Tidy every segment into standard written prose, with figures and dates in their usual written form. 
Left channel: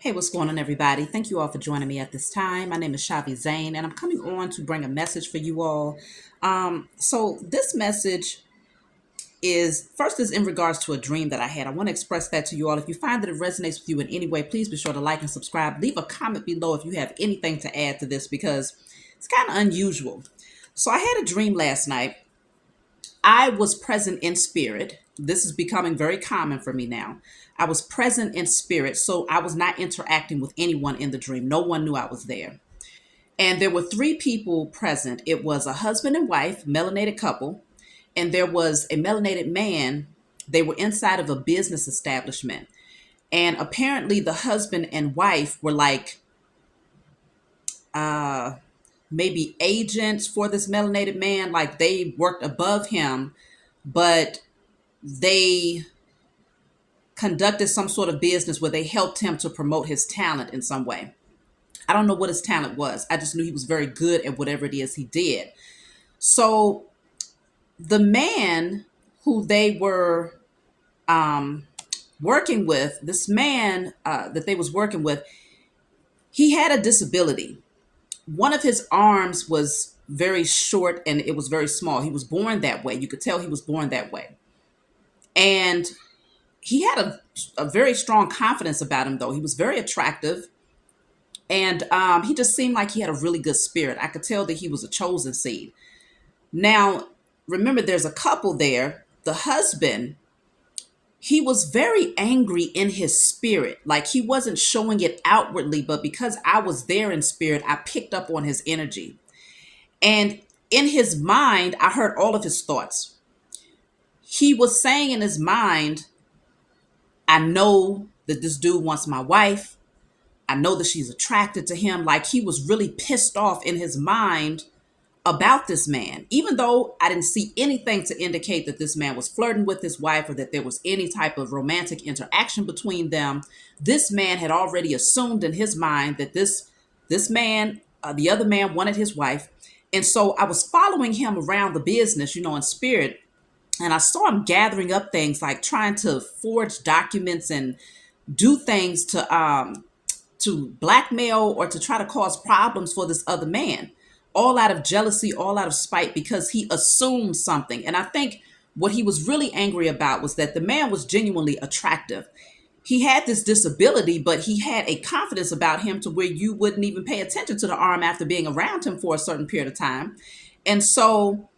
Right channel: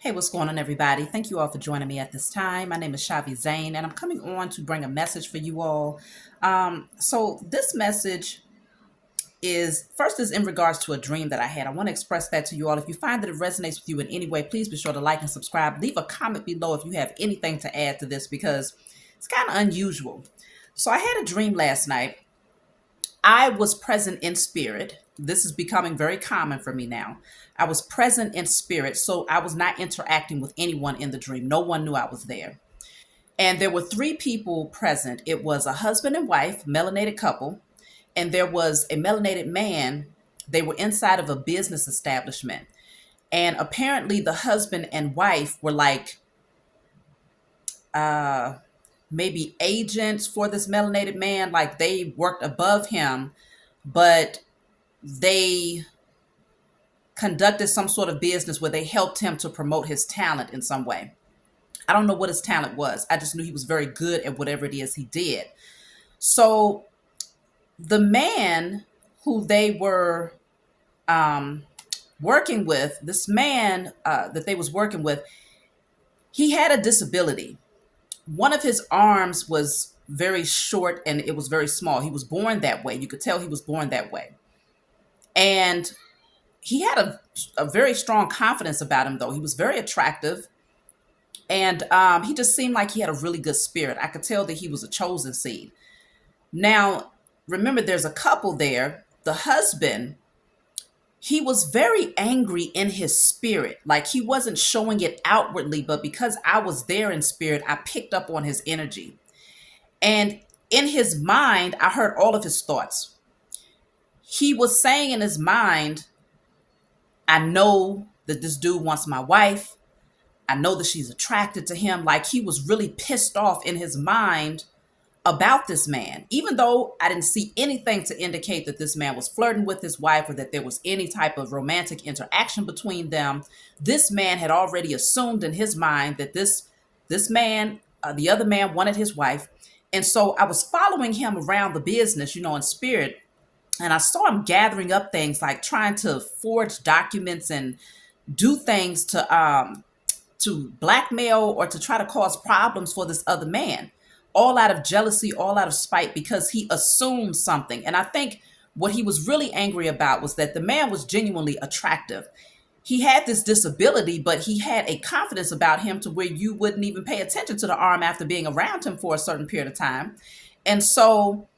Hey, what's going on, everybody? Thank you all for joining me at this time. My name is Shavi Zane, and I'm coming on to bring a message for you all. This message is in regards to a dream that I had. I want to express that to you all. If you find that it resonates with you in any way, please be sure to like and subscribe. Leave a comment below if you have anything to add to this because it's kind of unusual. So, I had a dream last night. I was present in spirit. This is becoming very common for me now. I was present in spirit, so I was not interacting with anyone in the dream. No one knew I was there. And there were three people present. It was a husband and wife, melanated couple, and there was a melanated man. They were inside of a business establishment. And apparently, the husband and wife were like uh, maybe agents for this melanated man. Like they worked above him, but they conducted some sort of business where they helped him to promote his talent in some way. I don't know what his talent was. I just knew he was very good at whatever it is he did. So the man who they were um, working with, this man that they was working with, he had a disability. One of his arms was very short and it was very small. He was born that way. You could tell he was born that way. And he had a very strong confidence about him, though. He was very attractive. And he just seemed like he had a really good spirit. I could tell that he was a chosen seed. Now, remember, there's a couple there. The husband, he was very angry in his spirit. Like he wasn't showing it outwardly, but because I was there in spirit, I picked up on his energy. And in his mind, I heard all of his thoughts. He was saying in his mind, I know that this dude wants my wife. I know that she's attracted to him. Like he was really pissed off in his mind about this man, even though I didn't see anything to indicate that this man was flirting with his wife or that there was any type of romantic interaction between them. This man had already assumed in his mind that this man, the other man, wanted his wife, and so I was following him around the business, in spirit, and I saw him gathering up things like trying to forge documents and do things to blackmail or to try to cause problems for this other man, all out of jealousy, all out of spite, because he assumed something. And I think what he was really angry about was that the man was genuinely attractive. He had this disability, but he had a confidence about him to where you wouldn't even pay attention to the arm after being around him for a certain period of time. And so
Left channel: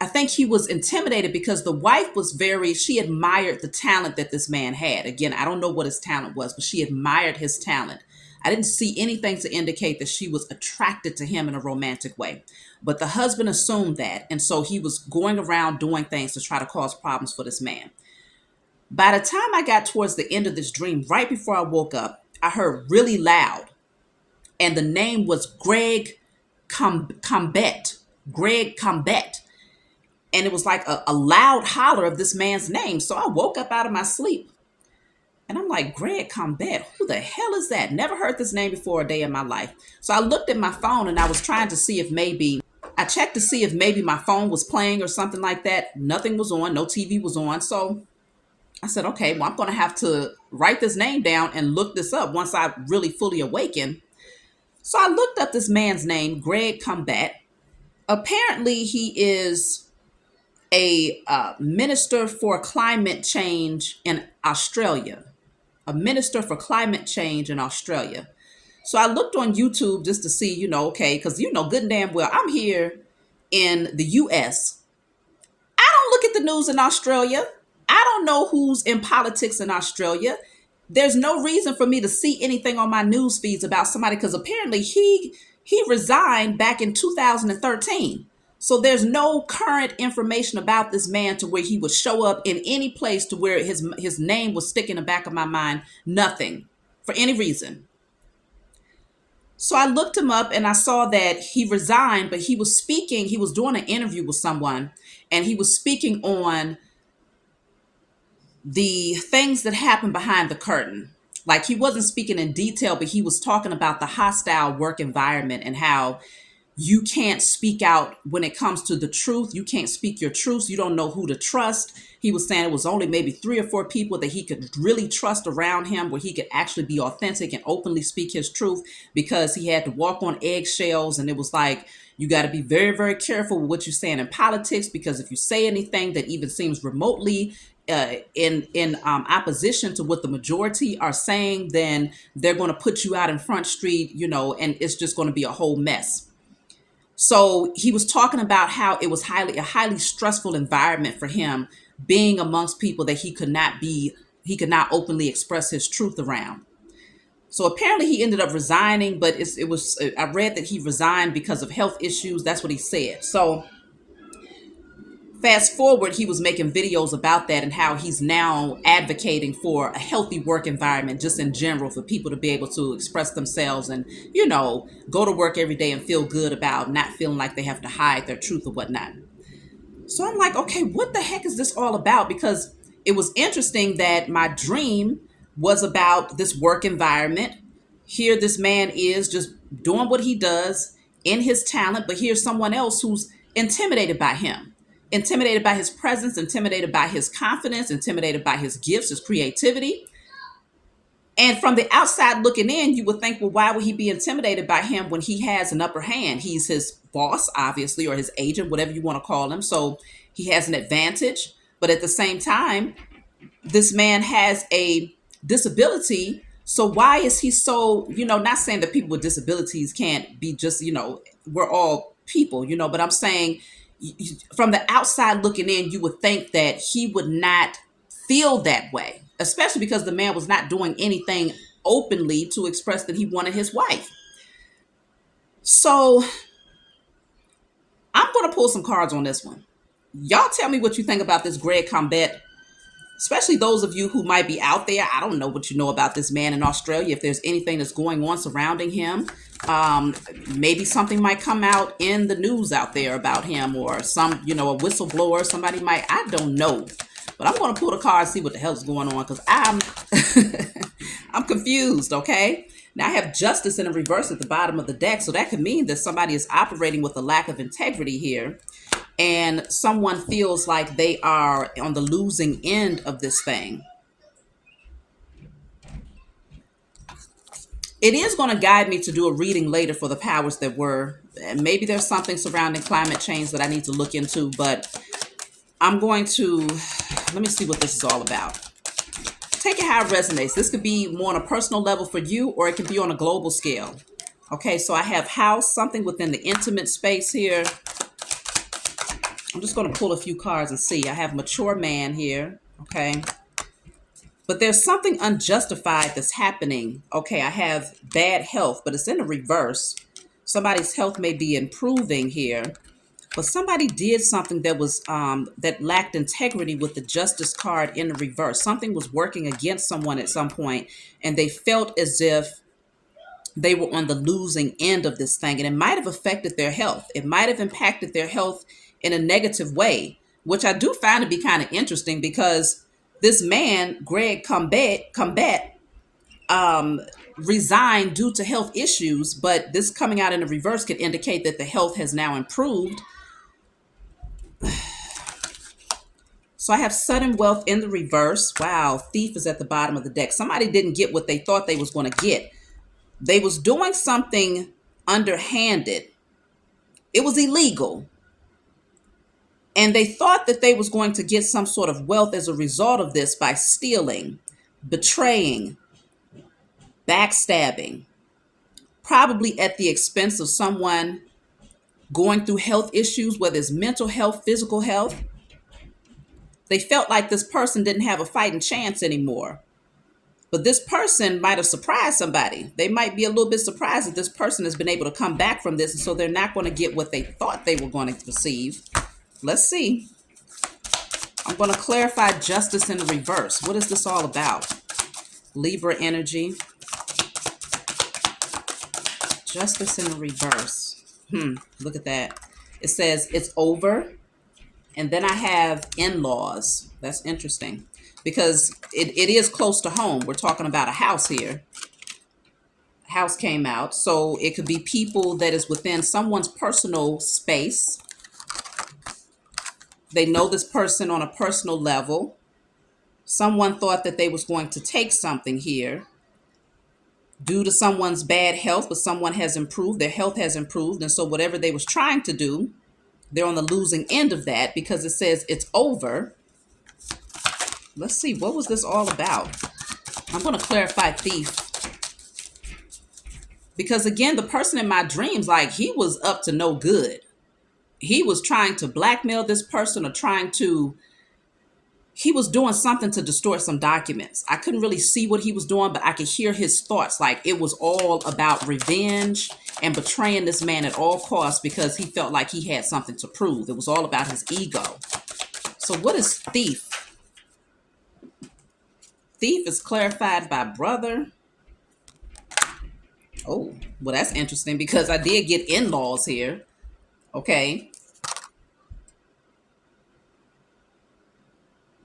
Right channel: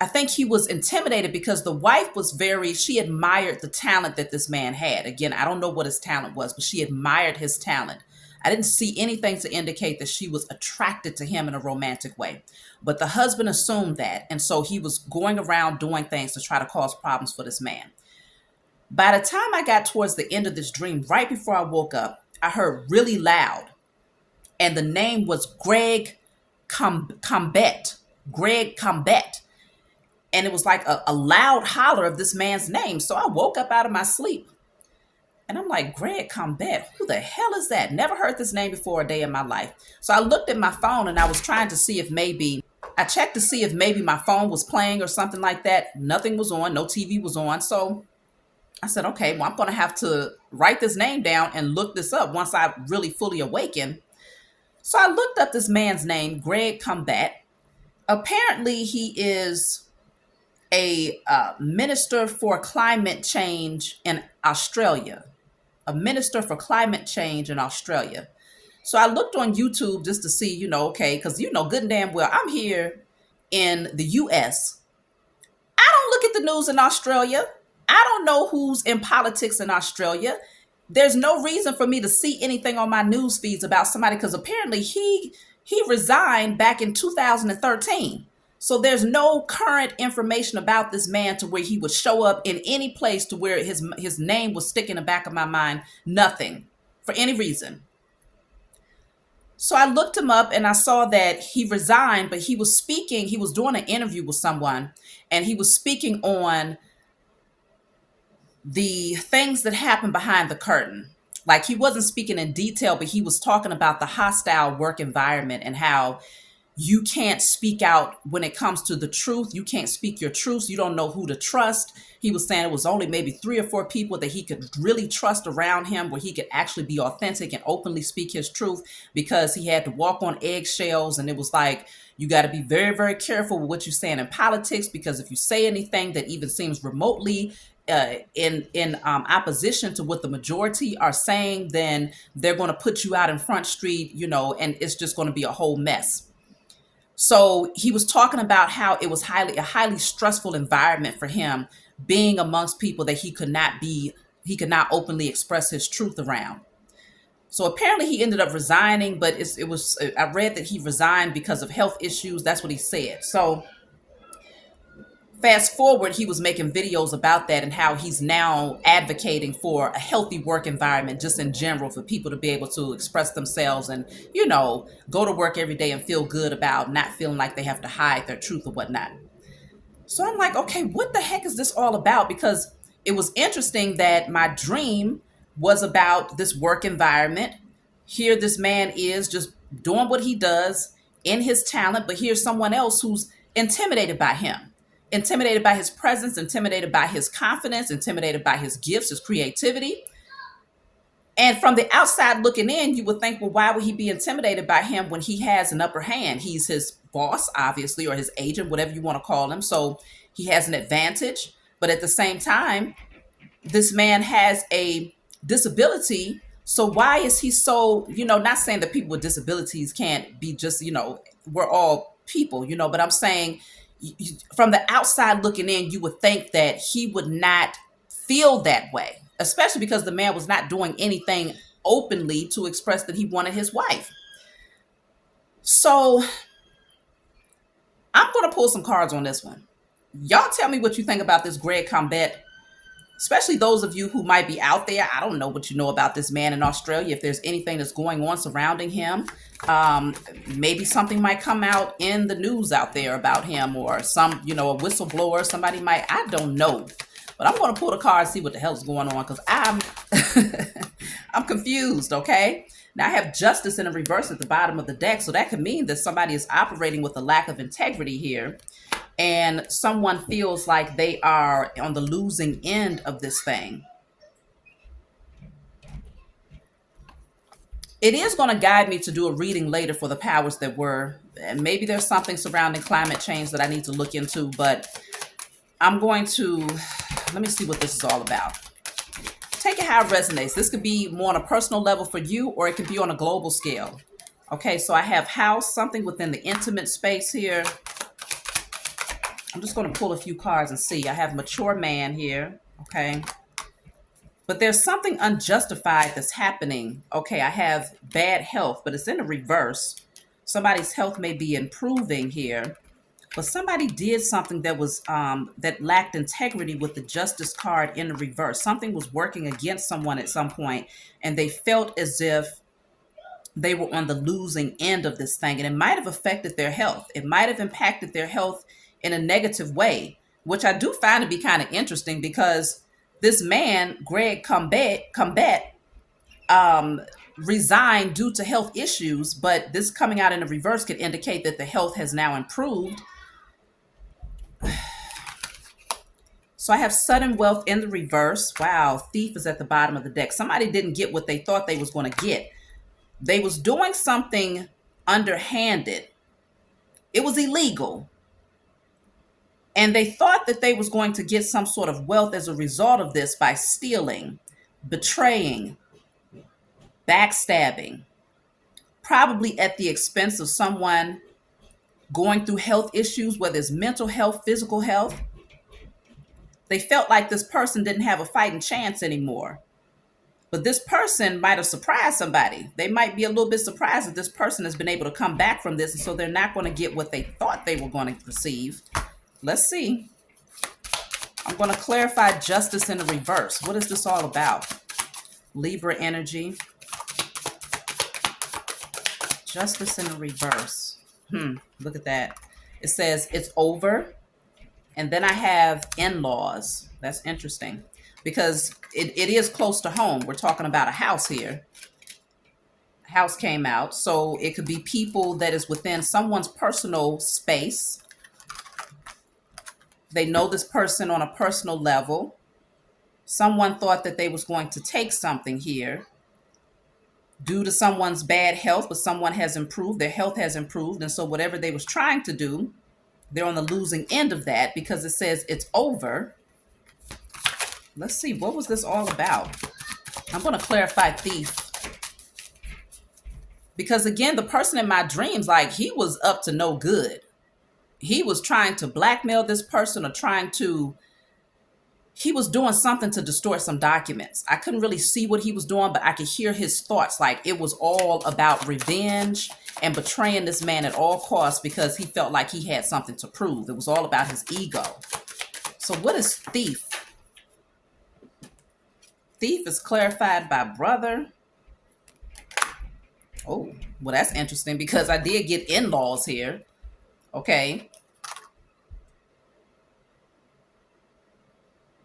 I think he was intimidated because the wife was she admired the talent that this man had. Again, I don't know what his talent was, but she admired his talent. I didn't see anything to indicate that she was attracted to him in a romantic way. But the husband assumed that. And so he was going around doing things to try to cause problems for this man. By the time I got towards the end of this dream, right before I woke up, I heard really loud. And the name was Combet. Greg Combet. And it was like a loud holler of this man's name. So I woke up out of my sleep and I'm like, Greg Combet, who the hell is that? Never heard this name before a day in my life. So I looked at my phone and I was trying to see if I checked to see if maybe my phone was playing or something like that. Nothing was on, no TV was on. So I said, okay, well, I'm going to have to write this name down and look this up once I really fully awaken. So I looked up this man's name, Greg Combet. Apparently, he is a minister for climate change in Australia. A minister for climate change in Australia. So I looked on YouTube just to see, okay, because good and damn well, I'm here in the US. I don't look at the news in Australia. I don't know who's in politics in Australia. There's no reason for me to see anything on my news feeds about somebody because apparently he resigned back in 2013. So there's no current information about this man to where he would show up in any place to where his name was sticking in the back of my mind. Nothing for any reason. So I looked him up and I saw that he resigned, but he was speaking. He was doing an interview with someone and he was speaking on the things that happened behind the curtain. Like he wasn't speaking in detail, but he was talking about the hostile work environment and how you can't speak out when it comes to the truth. You can't speak your truth. You don't know who to trust. He was saying it was only maybe 3 or 4 people that he could really trust around him, where he could actually be authentic and openly speak his truth, because he had to walk on eggshells. And it was like, you got to be very, very careful with what you're saying in politics, because if you say anything that even seems remotely in opposition to what the majority are saying, then they're going to put you out in Front Street, and it's just going to be a whole mess. So he was talking about how it was a highly stressful environment for him, being amongst people that he could not openly express his truth around. So apparently he ended up resigning, but I read that he resigned because of health issues. That's what he said. So fast forward, he was making videos about that and how he's now advocating for a healthy work environment just in general, for people to be able to express themselves and, go to work every day and feel good about not feeling like they have to hide their truth or whatnot. So I'm like, okay, what the heck is this all about? Because it was interesting that my dream was about this work environment. Here, this man is just doing what he does in his talent, but here's someone else who's intimidated by him, intimidated by his presence, intimidated by his confidence, intimidated by his gifts, his creativity. And from the outside looking in, you would think, well, why would he be intimidated by him when he has an upper hand? He's his boss, obviously, or his agent, whatever you want to call him. So he has an advantage. But at the same time, this man has a disability. So why is he so, not saying that people with disabilities can't be just, we're all people, but I'm saying from the outside looking in, you would think that he would not feel that way, especially because the man was not doing anything openly to express that he wanted his wife. So I'm going to pull some cards on this one. Y'all tell me what you think about this Greg Combet, especially those of you who might be out there. I don't know what you know about this man in Australia, if there's anything that's going on surrounding him. Maybe something might come out in the news out there about him, or some, a whistleblower, somebody might, I don't know. But I'm going to pull the card and see what the hell's going on, because I'm confused, okay? Now I have justice in a reverse at the bottom of the deck, so that could mean that somebody is operating with a lack of integrity here, and someone feels like they are on the losing end of this thing. It is going to guide me to do a reading later for the powers that were. And maybe there's something surrounding climate change that I need to look into, but I'm going to, let me see what this is all about. Take it how it resonates. This could be more on a personal level for you, or it could be on a global scale. Okay, so I have house, something within the intimate space here. I'm just going to pull a few cards and see. I have mature man here, okay? But there's something unjustified that's happening. Okay, I have bad health, but it's in the reverse. Somebody's health may be improving here, but somebody did something that was that lacked integrity with the justice card in the reverse. Something was working against someone at some point, and they felt as if they were on the losing end of this thing, and it might have affected their health. It might have impacted their health in a negative way, which I do find to be kind of interesting, because this man, Greg Combet, resigned due to health issues, but this coming out in the reverse could indicate that the health has now improved. So I have sudden wealth in the reverse. Wow, thief is at the bottom of the deck. Somebody didn't get what they thought they was going to get. They was doing something underhanded. It was illegal. And they thought that they was going to get some sort of wealth as a result of this by stealing, betraying, backstabbing, probably at the expense of someone going through health issues, whether it's mental health, physical health. They felt like this person didn't have a fighting chance anymore. But this person might have surprised somebody. They might be a little bit surprised that this person has been able to come back from this, and so they're not going to get what they thought they were going to receive. Let's see. I'm going to clarify justice in the reverse. What is this all about? Libra energy. Justice in the reverse. Look at that. It says it's over. And then I have in-laws. That's interesting, because it is close to home. We're talking about a house here. House came out. So it could be people that is within someone's personal space. They know this person on a personal level. Someone thought that they was going to take something here due to someone's bad health, but someone has improved. Their health has improved. And so whatever they was trying to do, they're on the losing end of that because it says it's over. Let's see, what was this all about? I'm going to clarify thief. Because again, the person in my dreams, like, he was up to no good. He was trying to blackmail this person or he was doing something to distort some documents. I couldn't really see what he was doing, but I could hear his thoughts. Like, it was all about revenge and betraying this man at all costs because he felt like he had something to prove. It was all about his ego. So what is thief? Thief is clarified by brother. Oh, well, that's interesting because I did get in-laws here. Okay.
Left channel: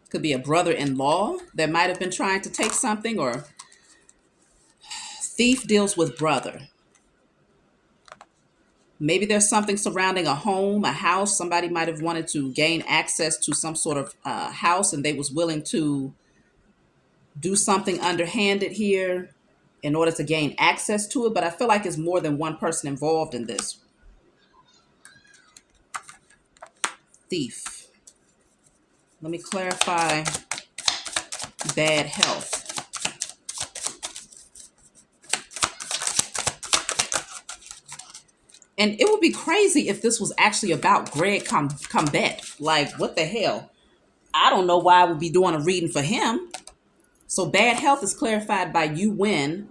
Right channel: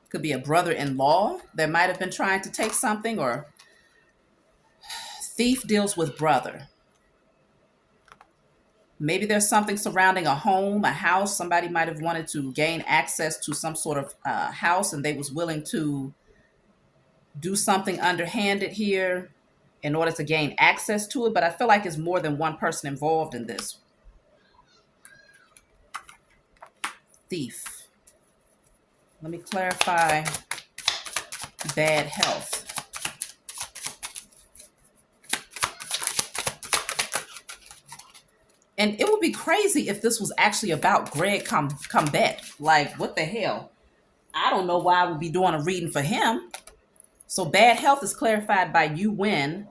Could be a brother-in-law that might have been trying to take something, or thief deals with brother. Maybe there's something surrounding a home, a house. Somebody might have wanted to gain access to some sort of house, and they was willing to do something underhanded here in order to gain access to it. But I feel like it's more than one person involved in this. Thief. Let me clarify bad health. And it would be crazy if this was actually about Greg Combet. Like, what the hell? I don't know why I would be doing a reading for him. So bad health is clarified by you win.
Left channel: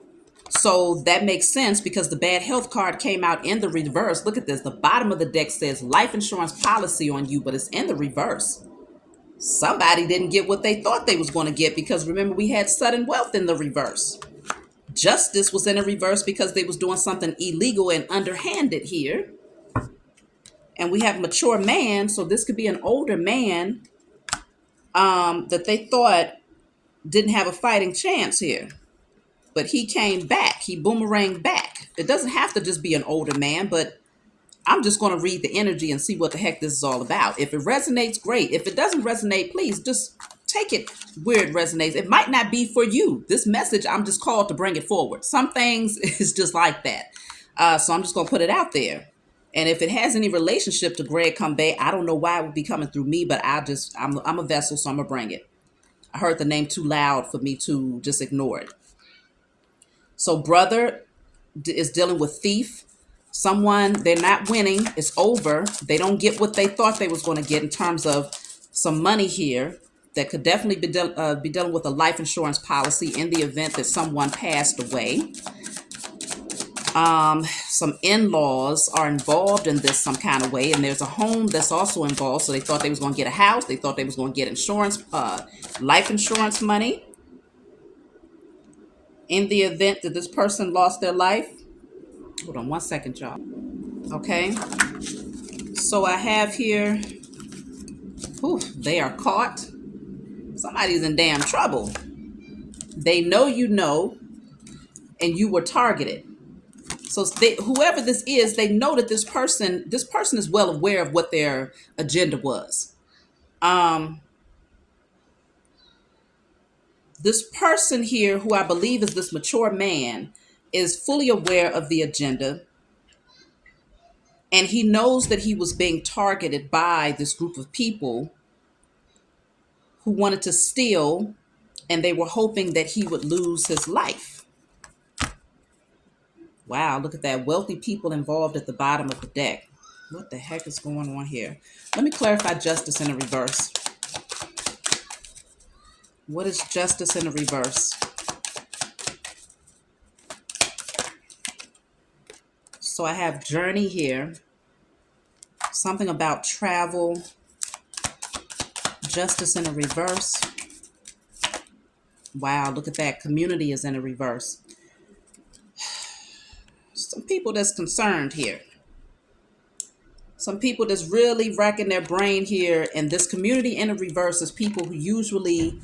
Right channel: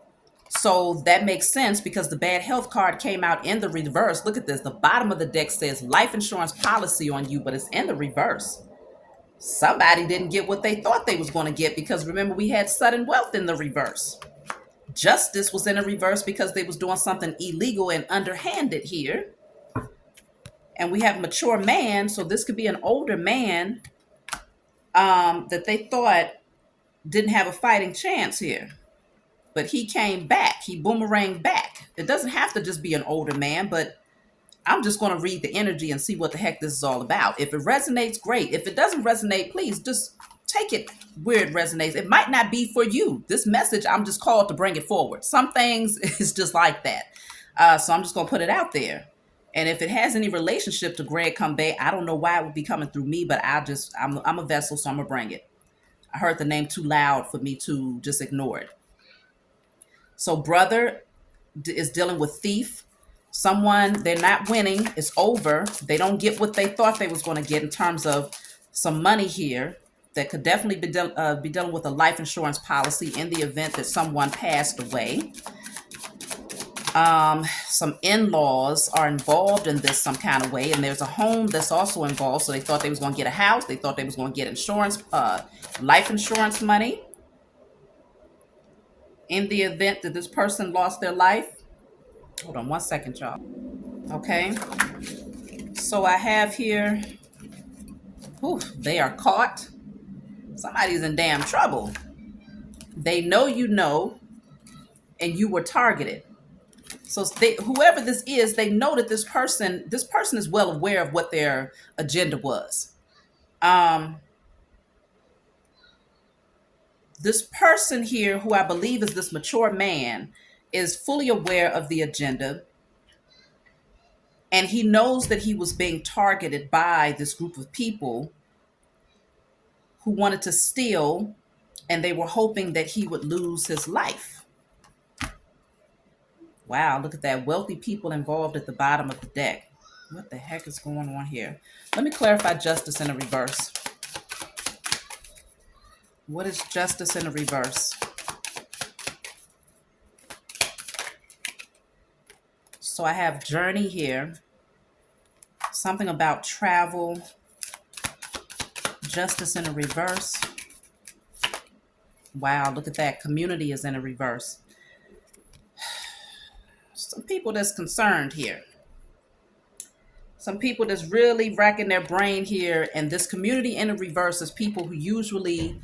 So that makes sense because the bad health card came out in the reverse. Look at this. The bottom of the deck says life insurance policy on you, but it's in the reverse. Somebody didn't get what they thought they was going to get because remember we had sudden wealth in the reverse. Justice was in a reverse because they was doing something illegal and underhanded here. And we have mature man, so this could be an older man that they thought didn't have a fighting chance here. But he came back. He boomeranged back. It doesn't have to just be an older man, but I'm just going to read the energy and see what the heck this is all about. If it resonates, great. If it doesn't resonate, please just take it where it resonates. It might not be for you. This message, I'm just called to bring it forward. Some things is just like that. So I'm just going to put it out there. And if it has any relationship to Greg Combet, I don't know why it would be coming through me, but I'm a vessel, so I'm going to bring it. I heard the name too loud for me to just ignore it. So brother is dealing with thief. Someone, they're not winning. It's over. They don't get what they thought they was going to get in terms of some money here that could definitely be dealing with a life insurance policy in the event that someone passed away. Some in-laws are involved in this some kind of way, and there's a home that's also involved. So they thought they was going to get a house. They thought they was going to get insurance, life insurance money in the event that this person lost their life. Hold on one second, y'all. Okay. So I have here, they are caught. Somebody's in damn trouble. They know you know, and you were targeted. So whoever this is, they know that this person is well aware of what their agenda was. This person here, who I believe is this mature man, is fully aware of the agenda. And he knows that he was being targeted by this group of people who wanted to steal, and they were hoping that he would lose his life. Wow, look at that. Wealthy people involved at the bottom of the deck. What the heck is going on here? Let me clarify justice in the reverse. What is justice in the reverse? So I have journey here. Something about travel. Justice in the reverse. Wow, look at that. Community is in a reverse. Some people that's concerned here. Some people that's really racking their brain here. And this community in a reverse is people who usually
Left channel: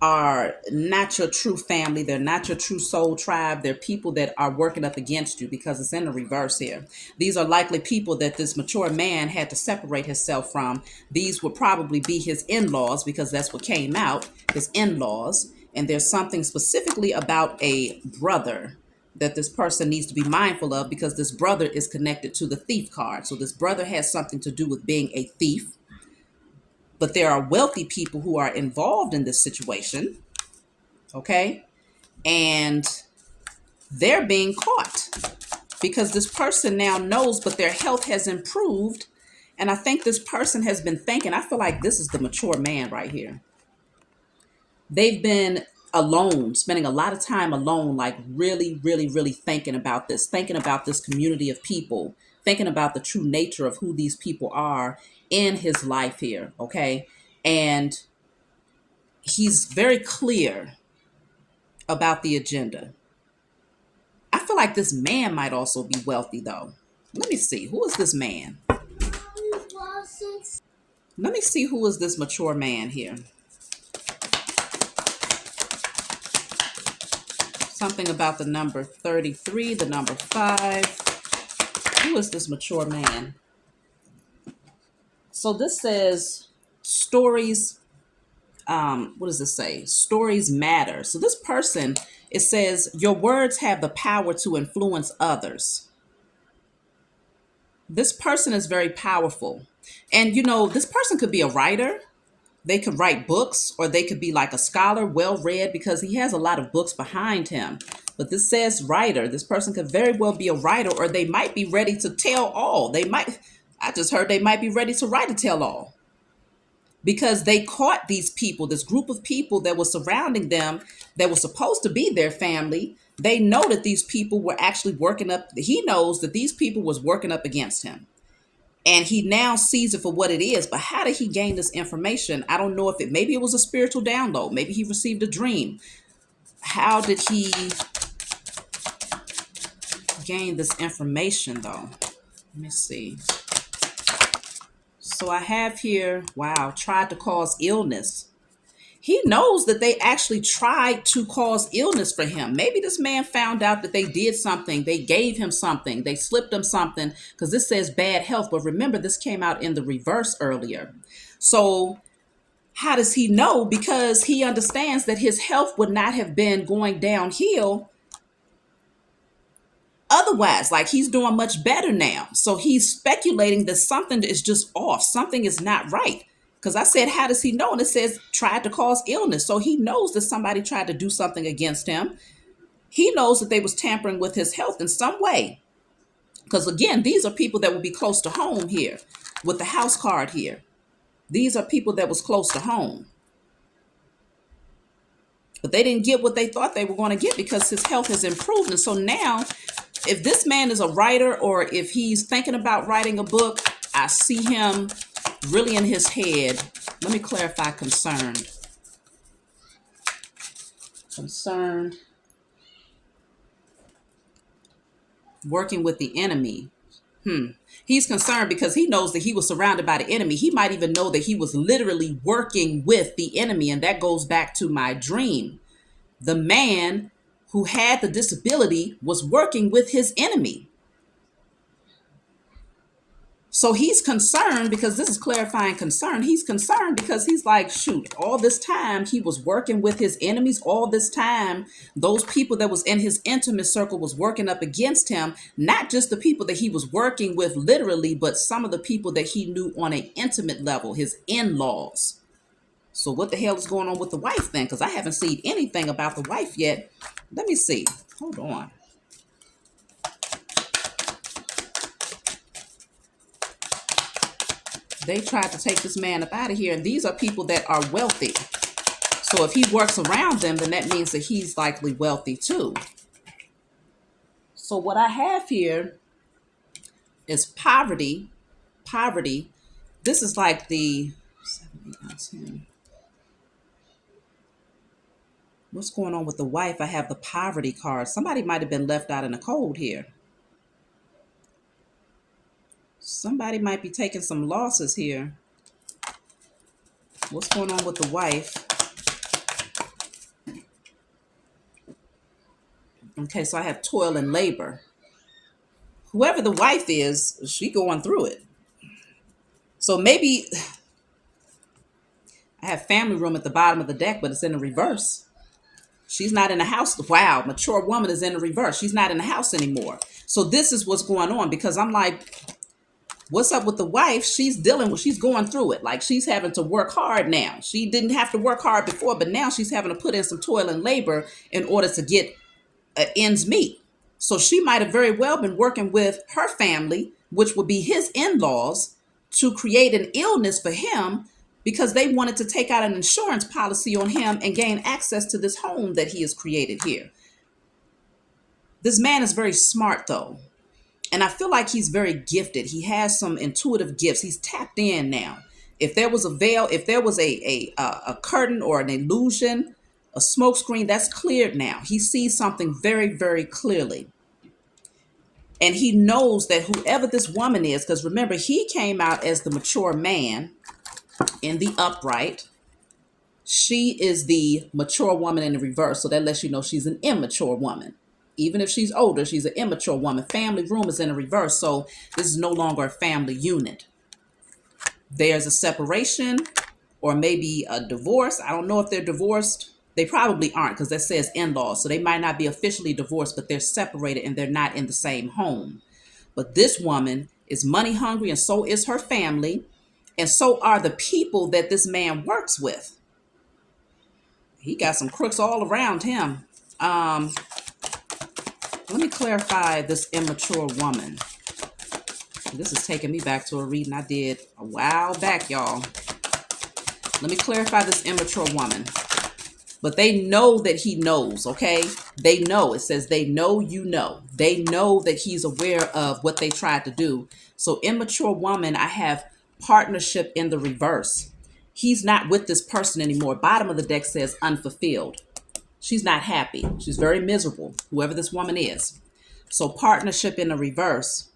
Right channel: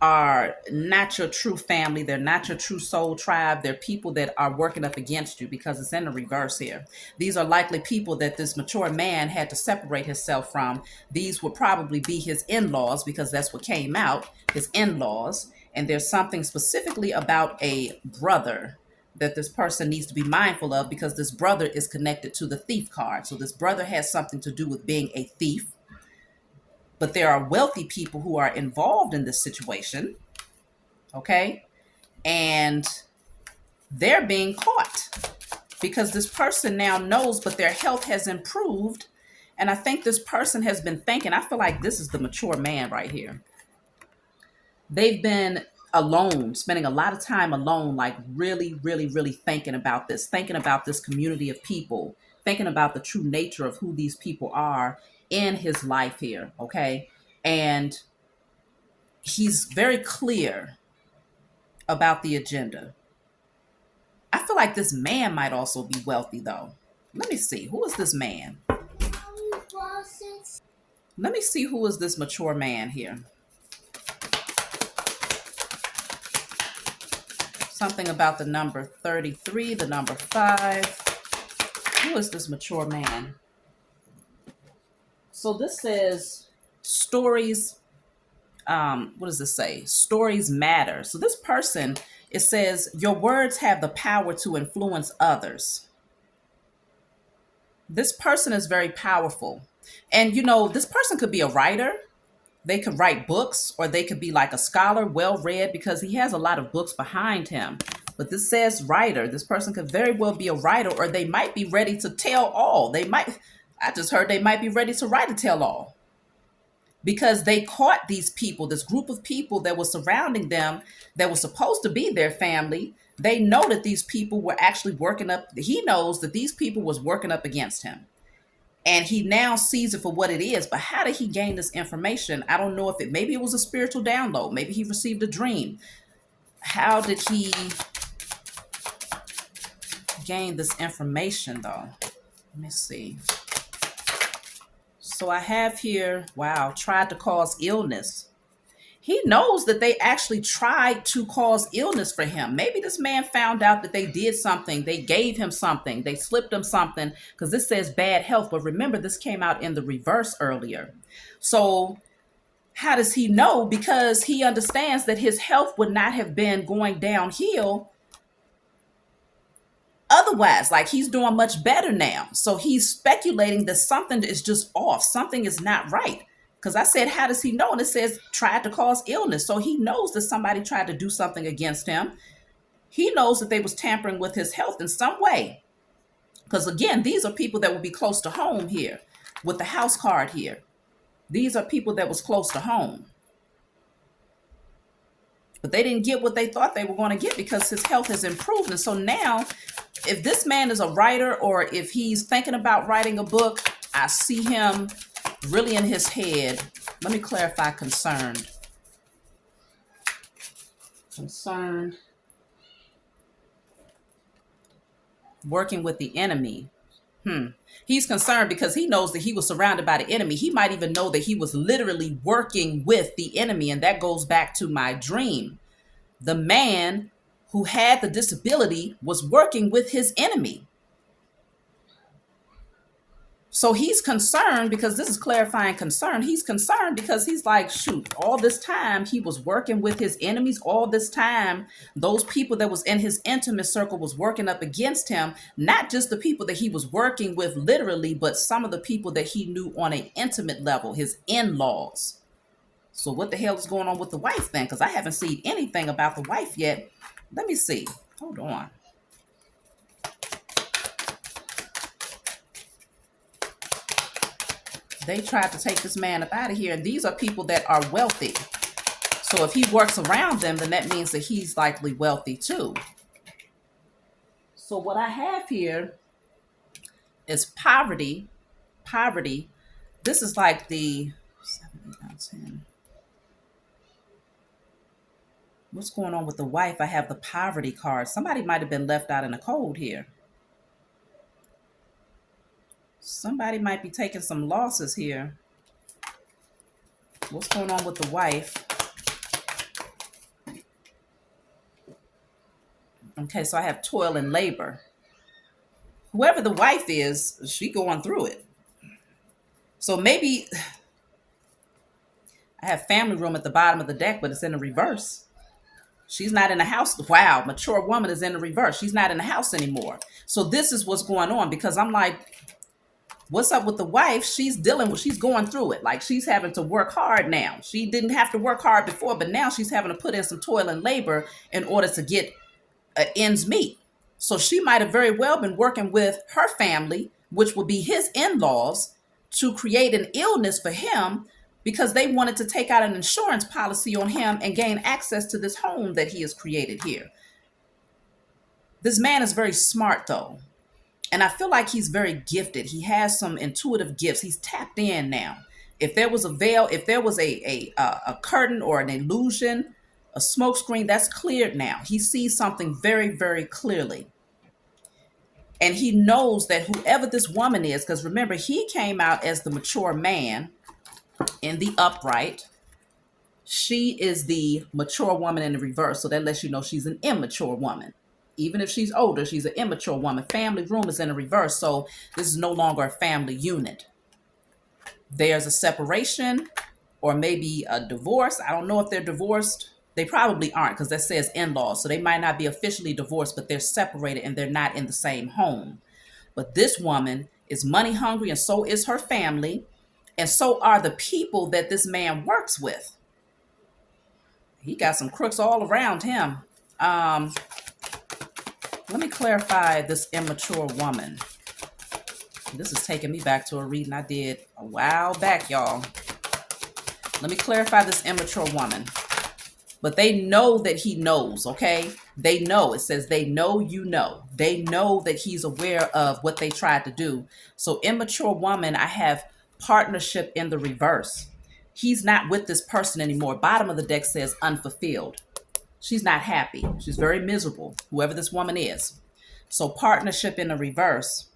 are not your true family. They're not your true soul tribe. They're people that are working up against you because it's in the reverse here. These are likely people that this mature man had to separate himself from. These would probably be his in-laws because that's what came out, his in-laws. And there's something specifically about a brother that this person needs to be mindful of because this brother is connected to the thief card. So this brother has something to do with being a thief, but there are wealthy people who are involved in this situation, okay? And they're being caught because this person now knows, but their health has improved. And I think this person has been thinking, I feel like this is the mature man right here. They've been alone, spending a lot of time alone, like really, really, really thinking about this community of people, thinking about the true nature of who these people are in his life here, okay? And he's very clear about the agenda. I feel like this man might also be wealthy, though. Let me see. Who is this man? Let me see who is this mature man here. Something about the number 33, the number 5. Who is this mature man? So this says stories. What does this say? Stories matter. So this person, it says, your words have the power to influence others. This person is very powerful. And you know, this person could be a writer. They could write books, or they could be like a scholar, well read, because he has a lot of books behind him. But this says writer. This person could very well be a writer, or they might be ready to tell all. I just heard they might be ready to write a tell all because they caught these people, this group of people that was surrounding them that was supposed to be their family. They know that these people were actually working up. He knows that these people was working up against him. And he now sees it for what it is. But how did he gain this information? I don't know if maybe it was a spiritual download. Maybe he received a dream. How did he gain this information though? Let me see. So I have here, wow, tried to cause illness. He knows that they actually tried to cause illness for him. Maybe this man found out that they did something. They gave him something. They slipped him something because this says bad health. But remember, this came out in the reverse earlier. So how does he know? Because he understands that his health would not have been going downhill otherwise. Like he's doing much better now. So he's speculating that something is just off. Something is not right. Because I said, how does he know? And it says tried to cause illness. So he knows that somebody tried to do something against him. He knows that they was tampering with his health in some way. Because again, these are people that will be close to home here with the house card here. These are people that was close to home. But they didn't get what they thought they were going to get because his health has improved. And so now, if this man is a writer or if he's thinking about writing a book, I see him really in his head. Let me clarify concerned. Concerned. Working with the enemy. He's concerned because he knows that he was surrounded by the enemy. He might even know that he was literally working with the enemy. And that goes back to my dream. The man who had the disability was working with his enemy. So he's concerned because this is clarifying concern. He's concerned because he's like, shoot, all this time he was working with his enemies. All this time, those people that was in his intimate circle was working up against him. Not just the people that he was working with literally, but some of the people that he knew on an intimate level, his in-laws. So what the hell is going on with the wife then? Because I haven't seen anything about the wife yet. Let me see. Hold on. They tried to take this man up out of here. And these are people that are wealthy. So if he works around them, then that means that he's likely wealthy too. So what I have here is poverty. Poverty. This is like the 7, 8, 9, 10. What's going on with the wife? I have the poverty card. Somebody might have been left out in the cold here. Somebody might be taking some losses here. What's going on with the wife? Okay, so I have toil and labor. Whoever the wife is, she going through it. So maybe I have family room at the bottom of the deck, but it's in the reverse. She's not in the house. Wow, mature woman is in the reverse. She's not in the house anymore. So this is what's going on, because I'm like, what's up with the wife? She's going through it. Like, she's having to work hard now. She didn't have to work hard before, but now she's having to put in some toil and labor in order to get ends meet. So she might have very well been working with her family, which would be his in-laws, to create an illness for him, because they wanted to take out an insurance policy on him and gain access to this home that he has created here. This man is very smart, though. And I feel like he's very gifted. He has some intuitive gifts. He's tapped in now. If there was a veil, if there was a curtain or an illusion, a smoke screen, that's cleared now. He sees something very, very clearly. And he knows that whoever this woman is, because remember, he came out as the mature man in the upright. She is the mature woman in the reverse. So that lets you know she's an immature woman. Even if she's older, she's an immature woman. Family room is in the reverse. So this is no longer a family unit. There's a separation or maybe a divorce. I don't know if they're divorced. They probably aren't, because that says in-laws. So they might not be officially divorced, but they're separated and they're not in the same home. But this woman is money hungry, and so is her family. And so are the people that this man works with. He got some crooks all around him. Let me clarify this immature woman. This is taking me back to a reading I did a while back, y'all. Let me clarify this immature woman. But they know that he knows, okay? They know. It says they know you know. They know that he's aware of what they tried to do. So immature woman, I have partnership in the reverse. He's not with this person anymore. Bottom of the deck says unfulfilled. She's not happy. She's very miserable, whoever this woman is. So partnership in the reverse.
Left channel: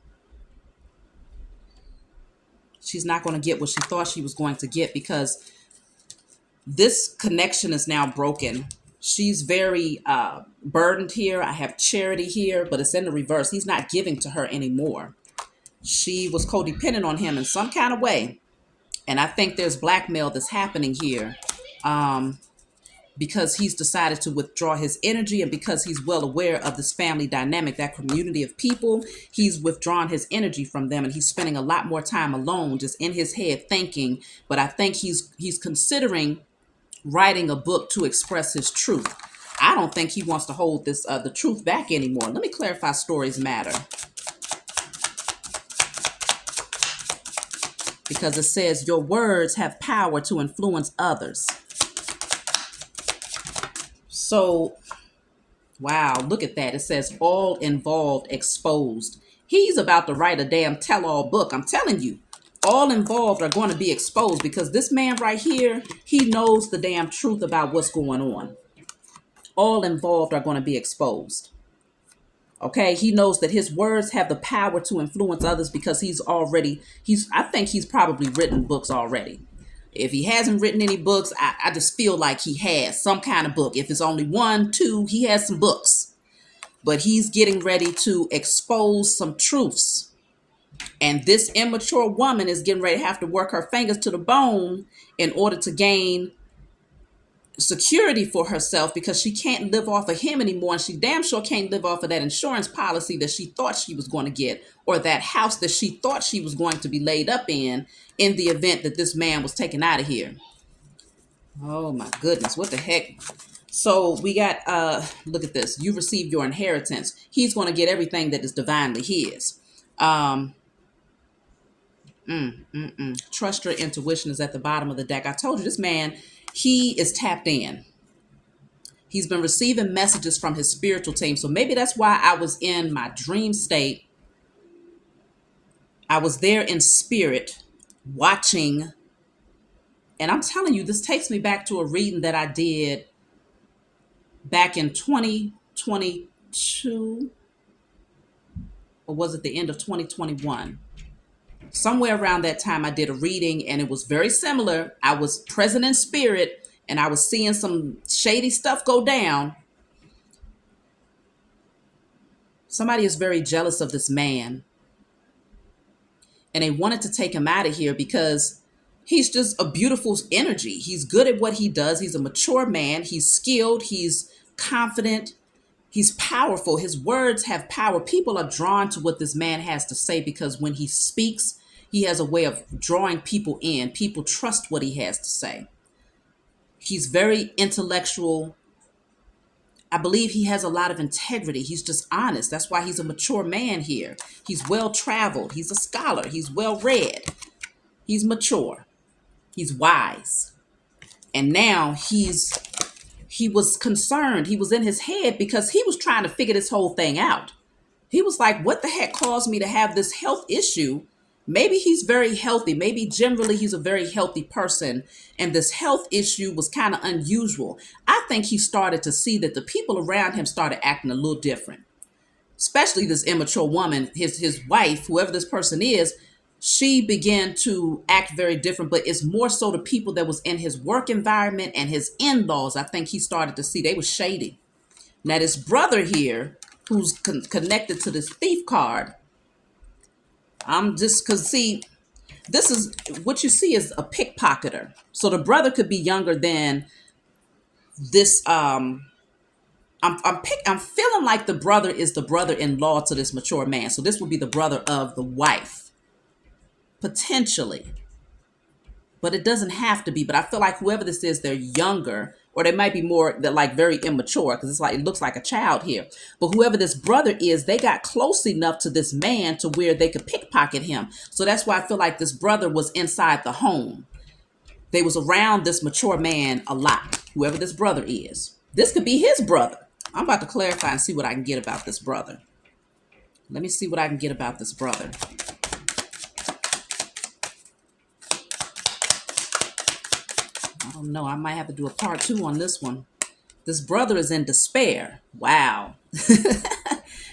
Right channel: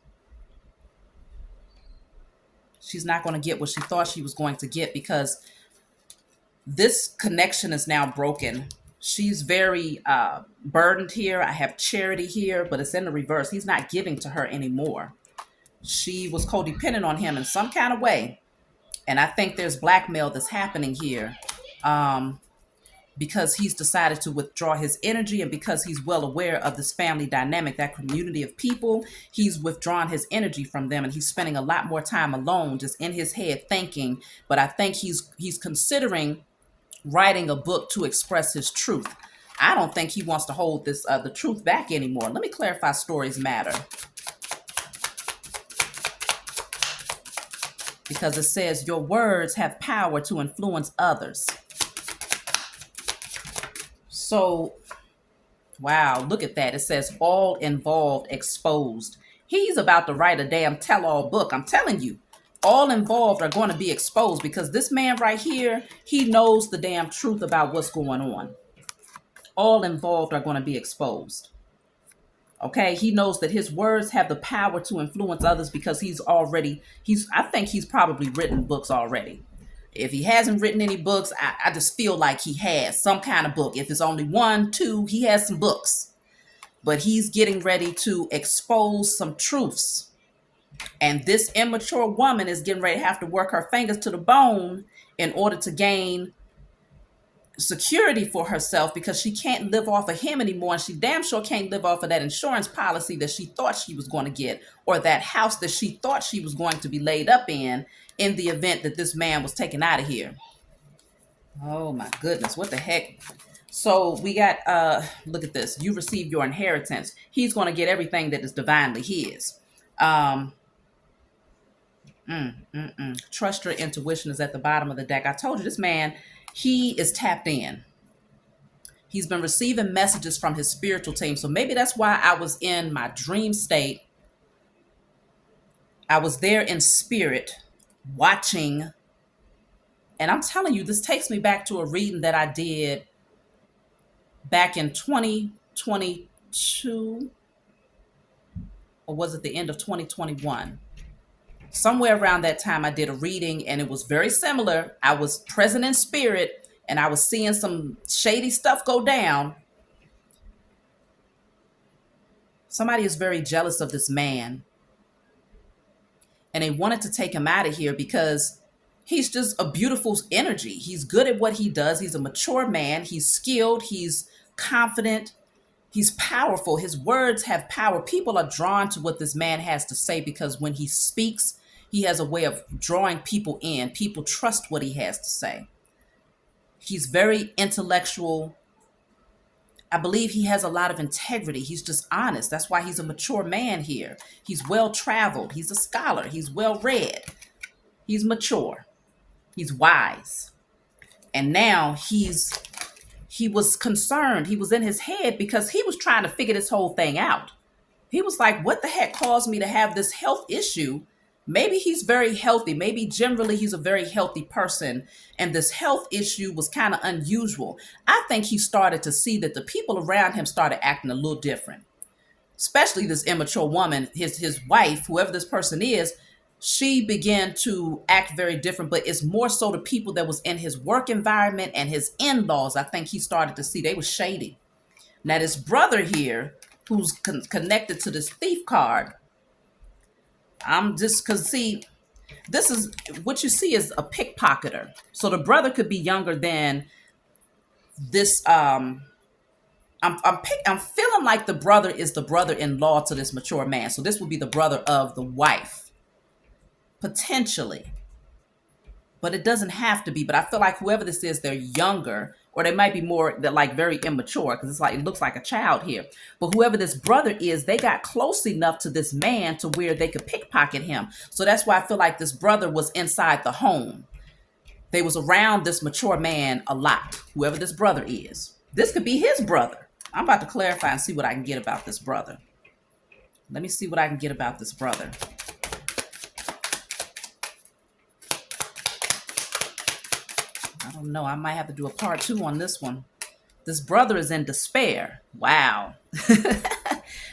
She's not going to get what she thought she was going to get, because this connection is now broken. She's very burdened here. I have charity here, but it's in the reverse. He's not giving to her anymore. She was codependent on him in some kind of way. And I think there's blackmail that's happening here, because he's decided to withdraw his energy, and because he's well aware of this family dynamic, that community of people, he's withdrawn his energy from them, and he's spending a lot more time alone, just in his head thinking. But I think he's considering writing a book to express his truth. I don't think he wants to hold this the truth back anymore. Let me clarify stories matter, because it says your words have power to influence others. So, wow, look at that. It says all involved exposed. He's about to write a damn tell-all book. I'm telling you, all involved are going to be exposed, because this man right here, he knows the damn truth about what's going on. All involved are going to be exposed. Okay, he knows that his words have the power to influence others, because I think he's probably written books already. If he hasn't written any books, I just feel like he has some kind of book. If it's only one, two, he has some books. But he's getting ready to expose some truths. And this immature woman is getting ready to have to work her fingers to the bone in order to gain security for herself, because she can't live off of him anymore, and she damn sure can't live off of that insurance policy that she thought she was going to get, or that house that she thought she was going to be laid up in the event that this man was taken out of here. Oh my goodness, what the heck? So we got look at this. You receive your inheritance. He's going to get everything that is divinely his. Trust your intuition is at the bottom of the deck. I told you, this man, he is tapped in. He's been receiving messages from his spiritual team. So maybe that's why I was in my dream state. I was there in spirit watching. And I'm telling you, this takes me back to a reading that I did back in 2022. Or was it the end of 2021? Somewhere around that time, I did a reading, and it was very similar. I was present in spirit, and I was seeing some shady stuff go down. Somebody is very jealous of this man, and they wanted to take him out of here because he's just a beautiful energy. He's good at what he does. He's a mature man. He's skilled. He's confident. He's powerful. His words have power. People are drawn to what this man has to say because when he speaks, he has a way of drawing people in. People trust what he has to say. He's very intellectual. I believe he has a lot of integrity. He's just honest. That's why he's a mature man here. He's well traveled. He's a scholar. He's well read. He's mature. He's wise. And now he was concerned. He was in his head because he was trying to figure this whole thing out. He was like, what the heck caused me to have this health issue? Maybe he's very healthy. Maybe generally he's a very healthy person. And this health issue was kind of unusual. I think he started to see that the people around him started acting a little different, especially this immature woman, his wife, whoever this person is. She began to act very different, but it's more so the people that was in his work environment and his in-laws. I think he started to see they were shady. Now this brother here, who's connected to this thief card, I'm just, because see, this is what you see is a pickpocketer. So the brother could be younger than this. I'm feeling like the brother is the brother-in-law to this mature man. So this would be the brother of the wife, potentially, but it doesn't have to be. But I feel like whoever this is, they're younger, or they might be more that like very immature because it's like it looks like a child here. But whoever this brother is, they got close enough to this man to where they could pickpocket him. So that's why I feel like this brother was inside the home. They was around this mature man a lot. Whoever this brother is, this could be his brother. I'm about to clarify and see what I can get about this brother. Let me see what I can get about this brother. I don't know. I might have to do a part 2 on this one. This brother is in despair. Wow.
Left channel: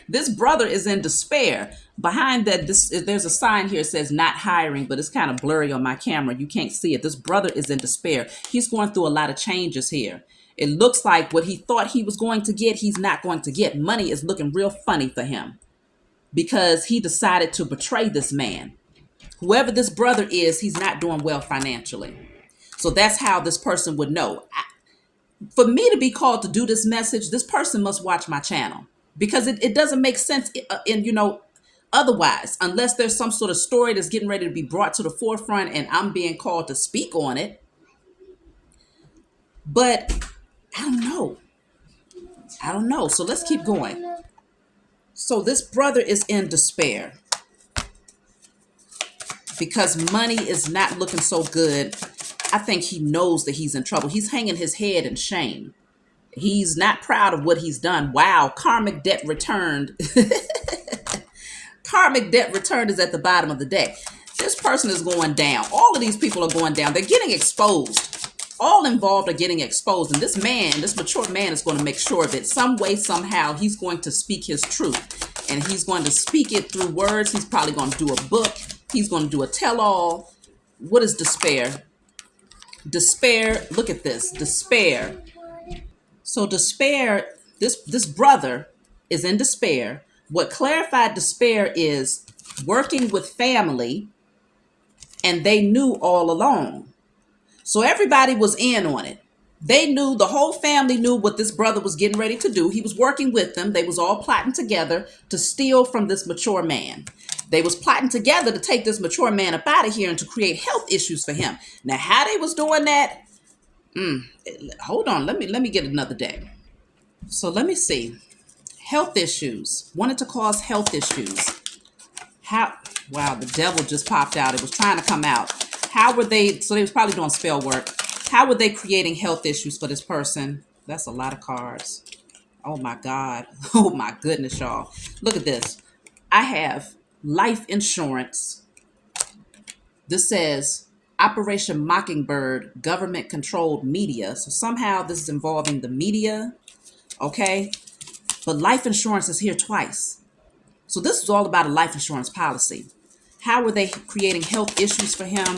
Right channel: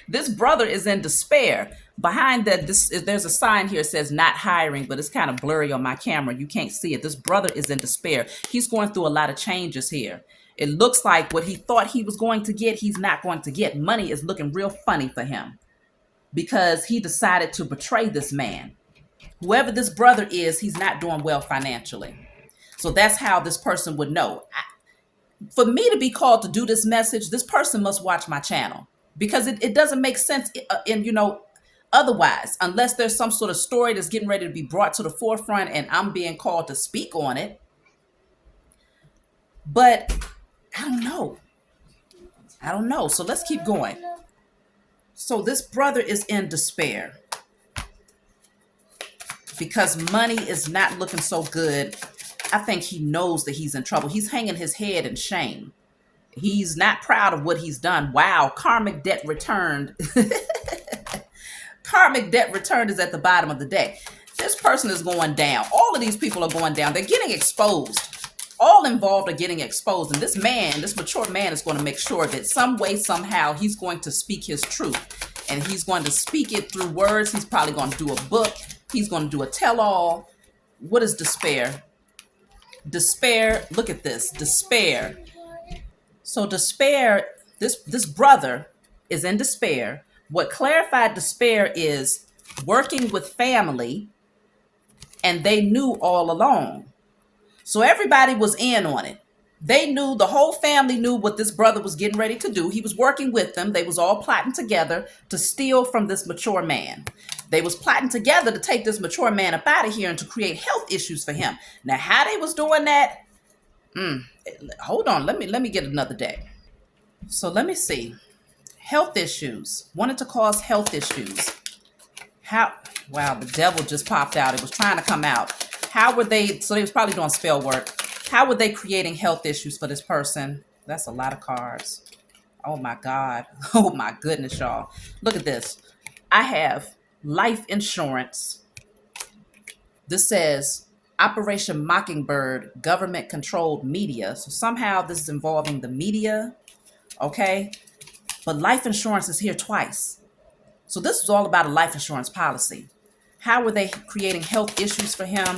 This brother is in despair. Behind that, there's a sign here that says not hiring, but it's kind of blurry on my camera. You can't see it. This brother is in despair. He's going through a lot of changes here. It looks like what he thought he was going to get, he's not going to get. Money is looking real funny for him because he decided to betray this man. Whoever this brother is, he's not doing well financially. So that's how this person would know. For me to be called to do this message, this person must watch my channel because it doesn't make sense otherwise, unless there's some sort of story that's getting ready to be brought to the forefront and I'm being called to speak on it. But I don't know. So let's keep going. So this brother is in despair because money is not looking so good. I think he knows that he's in trouble. He's hanging his head in shame. He's not proud of what he's done. Wow, karmic debt returned. Karmic debt returned is at the bottom of the deck. This person is going down. All of these people are going down. They're getting exposed. All involved are getting exposed. And this man, this mature man, is going to make sure that some way, somehow, he's going to speak his truth. And he's going to speak it through words. He's probably going to do a book. He's going to do a tell-all. What is despair? Despair, look at this, despair. So despair, this brother is in despair. What clarified despair is working with family, and they knew all along. So everybody was in on it. They knew, the whole family knew what this brother was getting ready to do. He was working with them. They was all plotting together to steal from this mature man. They was plotting together to take this mature man up out of here and to create health issues for him. Now, how they was doing that? Hold on. Let me get another deck. So let me see. Health issues. Wanted to cause health issues. How? Wow, the devil just popped out. It was trying to come out. How were they? So they was probably doing spell work. How were they creating health issues for this person? That's a lot of cards. Oh my God. Oh my goodness, y'all. Look at this. I have life insurance. This says Operation Mockingbird, government controlled media. So somehow this is involving the media. Okay. But life insurance is here twice. So this is all about a life insurance policy. How were they creating health issues for him?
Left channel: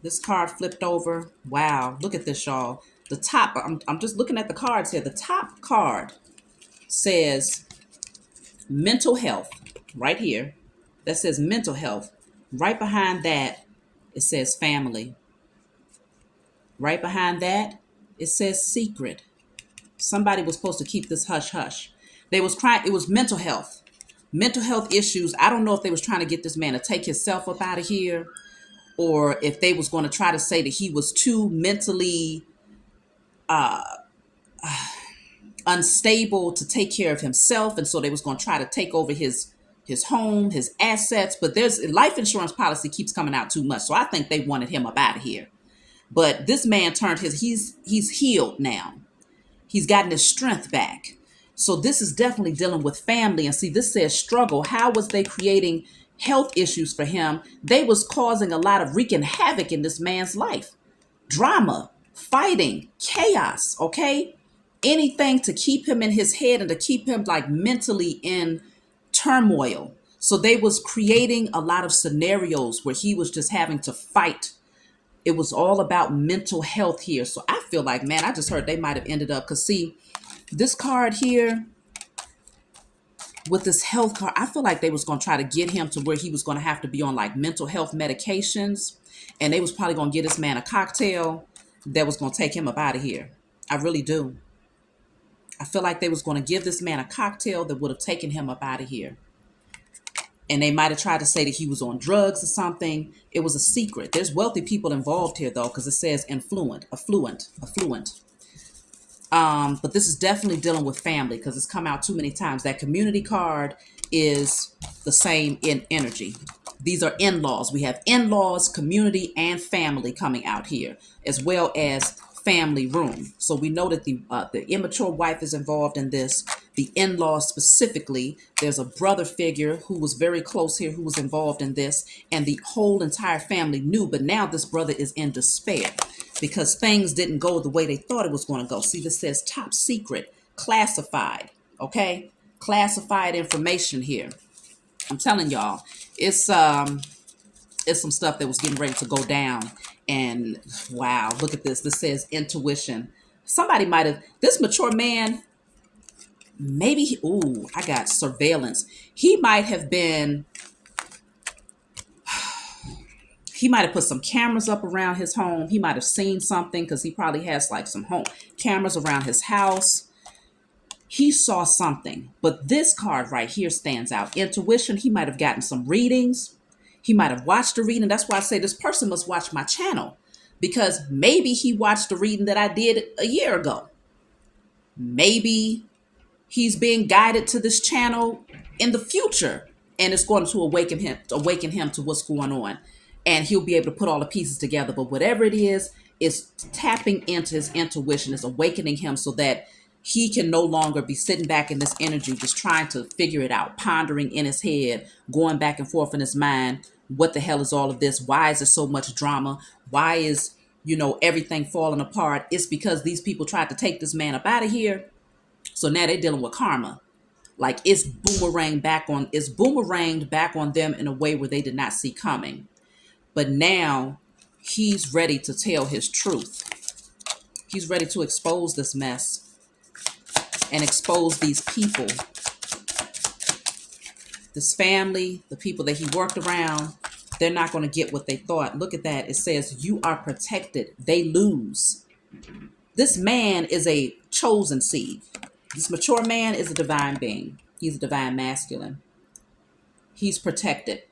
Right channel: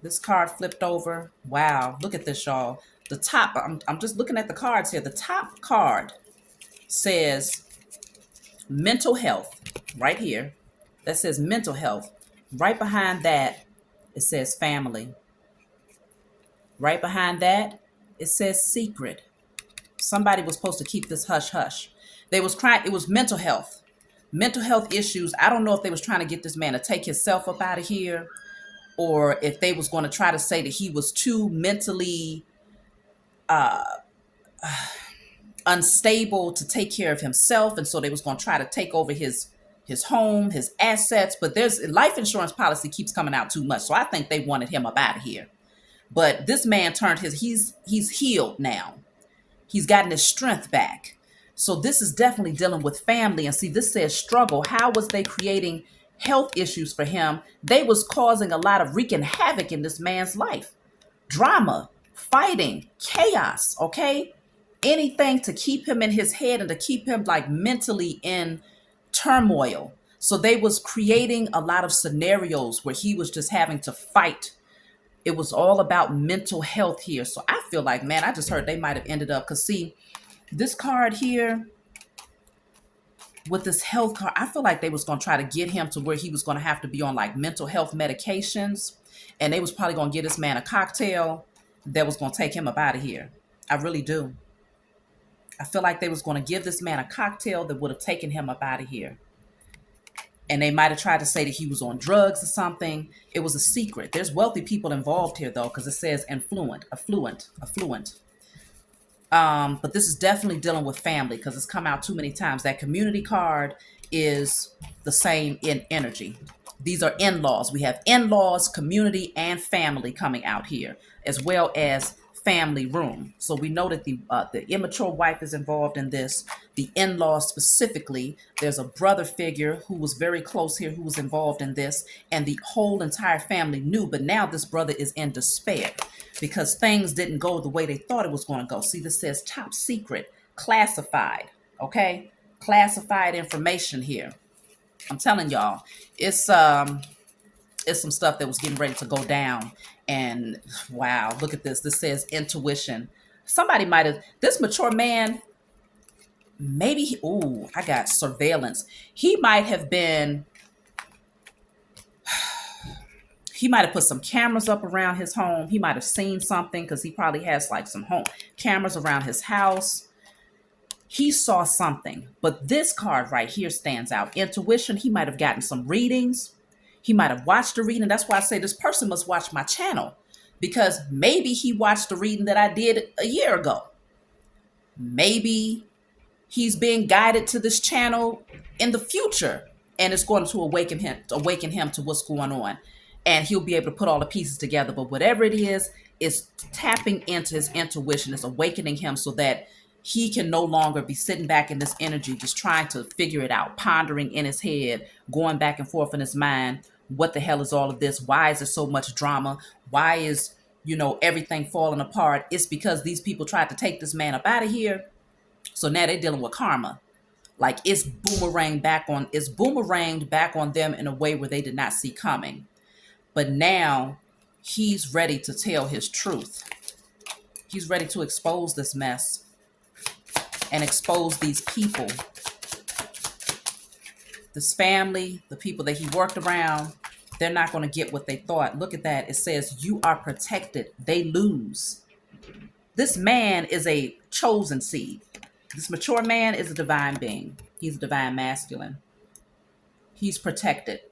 This card flipped over. Wow. Look at this, y'all. The top, I'm just looking at the cards here. The top card says Mental health, right here. That says mental health. Right behind that, it says family. Right behind that, it says secret. Somebody was supposed to keep this hush hush. They was crying. It was mental health. Mental health issues. I don't know if they was trying to get this man to take himself up out of here, or if they was going to try to say that he was too mentally unstable to take care of himself, and so they was going to try to take over his home, his assets. But there's life insurance policy keeps coming out too much, so I think they wanted him up out of here. But this man turned he's healed now. He's gotten his strength back. So this is definitely dealing with family. And see, this says struggle. How was they creating health issues for him? They was causing a lot of wreaking havoc in this man's life. Drama, fighting, chaos, okay? Anything to keep him in his head and to keep him like mentally in turmoil. So they was creating a lot of scenarios where he was just having to fight. It was all about mental health here. So I feel like, man, I just heard they might have ended up, because see, this card here with this health card, I feel like they was going to try to get him to where he was going to have to be on like mental health medications. And they was probably going to get this man a cocktail that was going to take him up out of here. I really do. I feel like they was going to give this man a cocktail that would have taken him up out of here. And they might have tried to say that he was on drugs or something. It was a secret. There's wealthy people involved here, though, because it says affluent. But this is definitely dealing with family, because it's come out too many times. That community card is the same in energy. These are in-laws. We have in-laws, community, and family coming out here, as well as family room. So we know that the immature wife is involved in this. The in-laws specifically, there's a brother figure who was very close here who was involved in this, and the whole entire family knew. But now this brother is in despair because things didn't go the way they thought it was going to go. See, this says top secret, classified. Okay, classified information here. I'm telling y'all, it's some stuff that was getting ready to go down. And wow, look at this. This says intuition. Somebody might have, this mature man, maybe, I got surveillance. He might have put some cameras up around his home. He might have seen something, because he probably has like some home cameras around his house. He saw something. But this card right here stands out. Intuition. He might have gotten some readings. He might have watched a reading. That's why I say this person must watch my channel, because maybe he watched a reading that I did a year ago. Maybe he's being guided to this channel in the future, and it's going to awaken him to what's going on, and he'll be able to put all the pieces together. But whatever it is tapping into his intuition, is awakening him so that he can no longer be sitting back in this energy, just trying to figure it out, pondering in his head, going back and forth in his mind. What the hell is all of this? Why is there so much drama? Why is, everything falling apart? It's because these people tried to take this man up out of here. So now they're dealing with karma. Like it's boomeranged back on them in a way where they did not see coming. But now he's ready to tell his truth. He's ready to expose this mess and expose these people, this family, the people that he worked around. They're not going to get what they thought. Look at that. It says you are protected. They lose. This man is a chosen seed. This mature man is a divine being. He's a divine masculine. He's protected.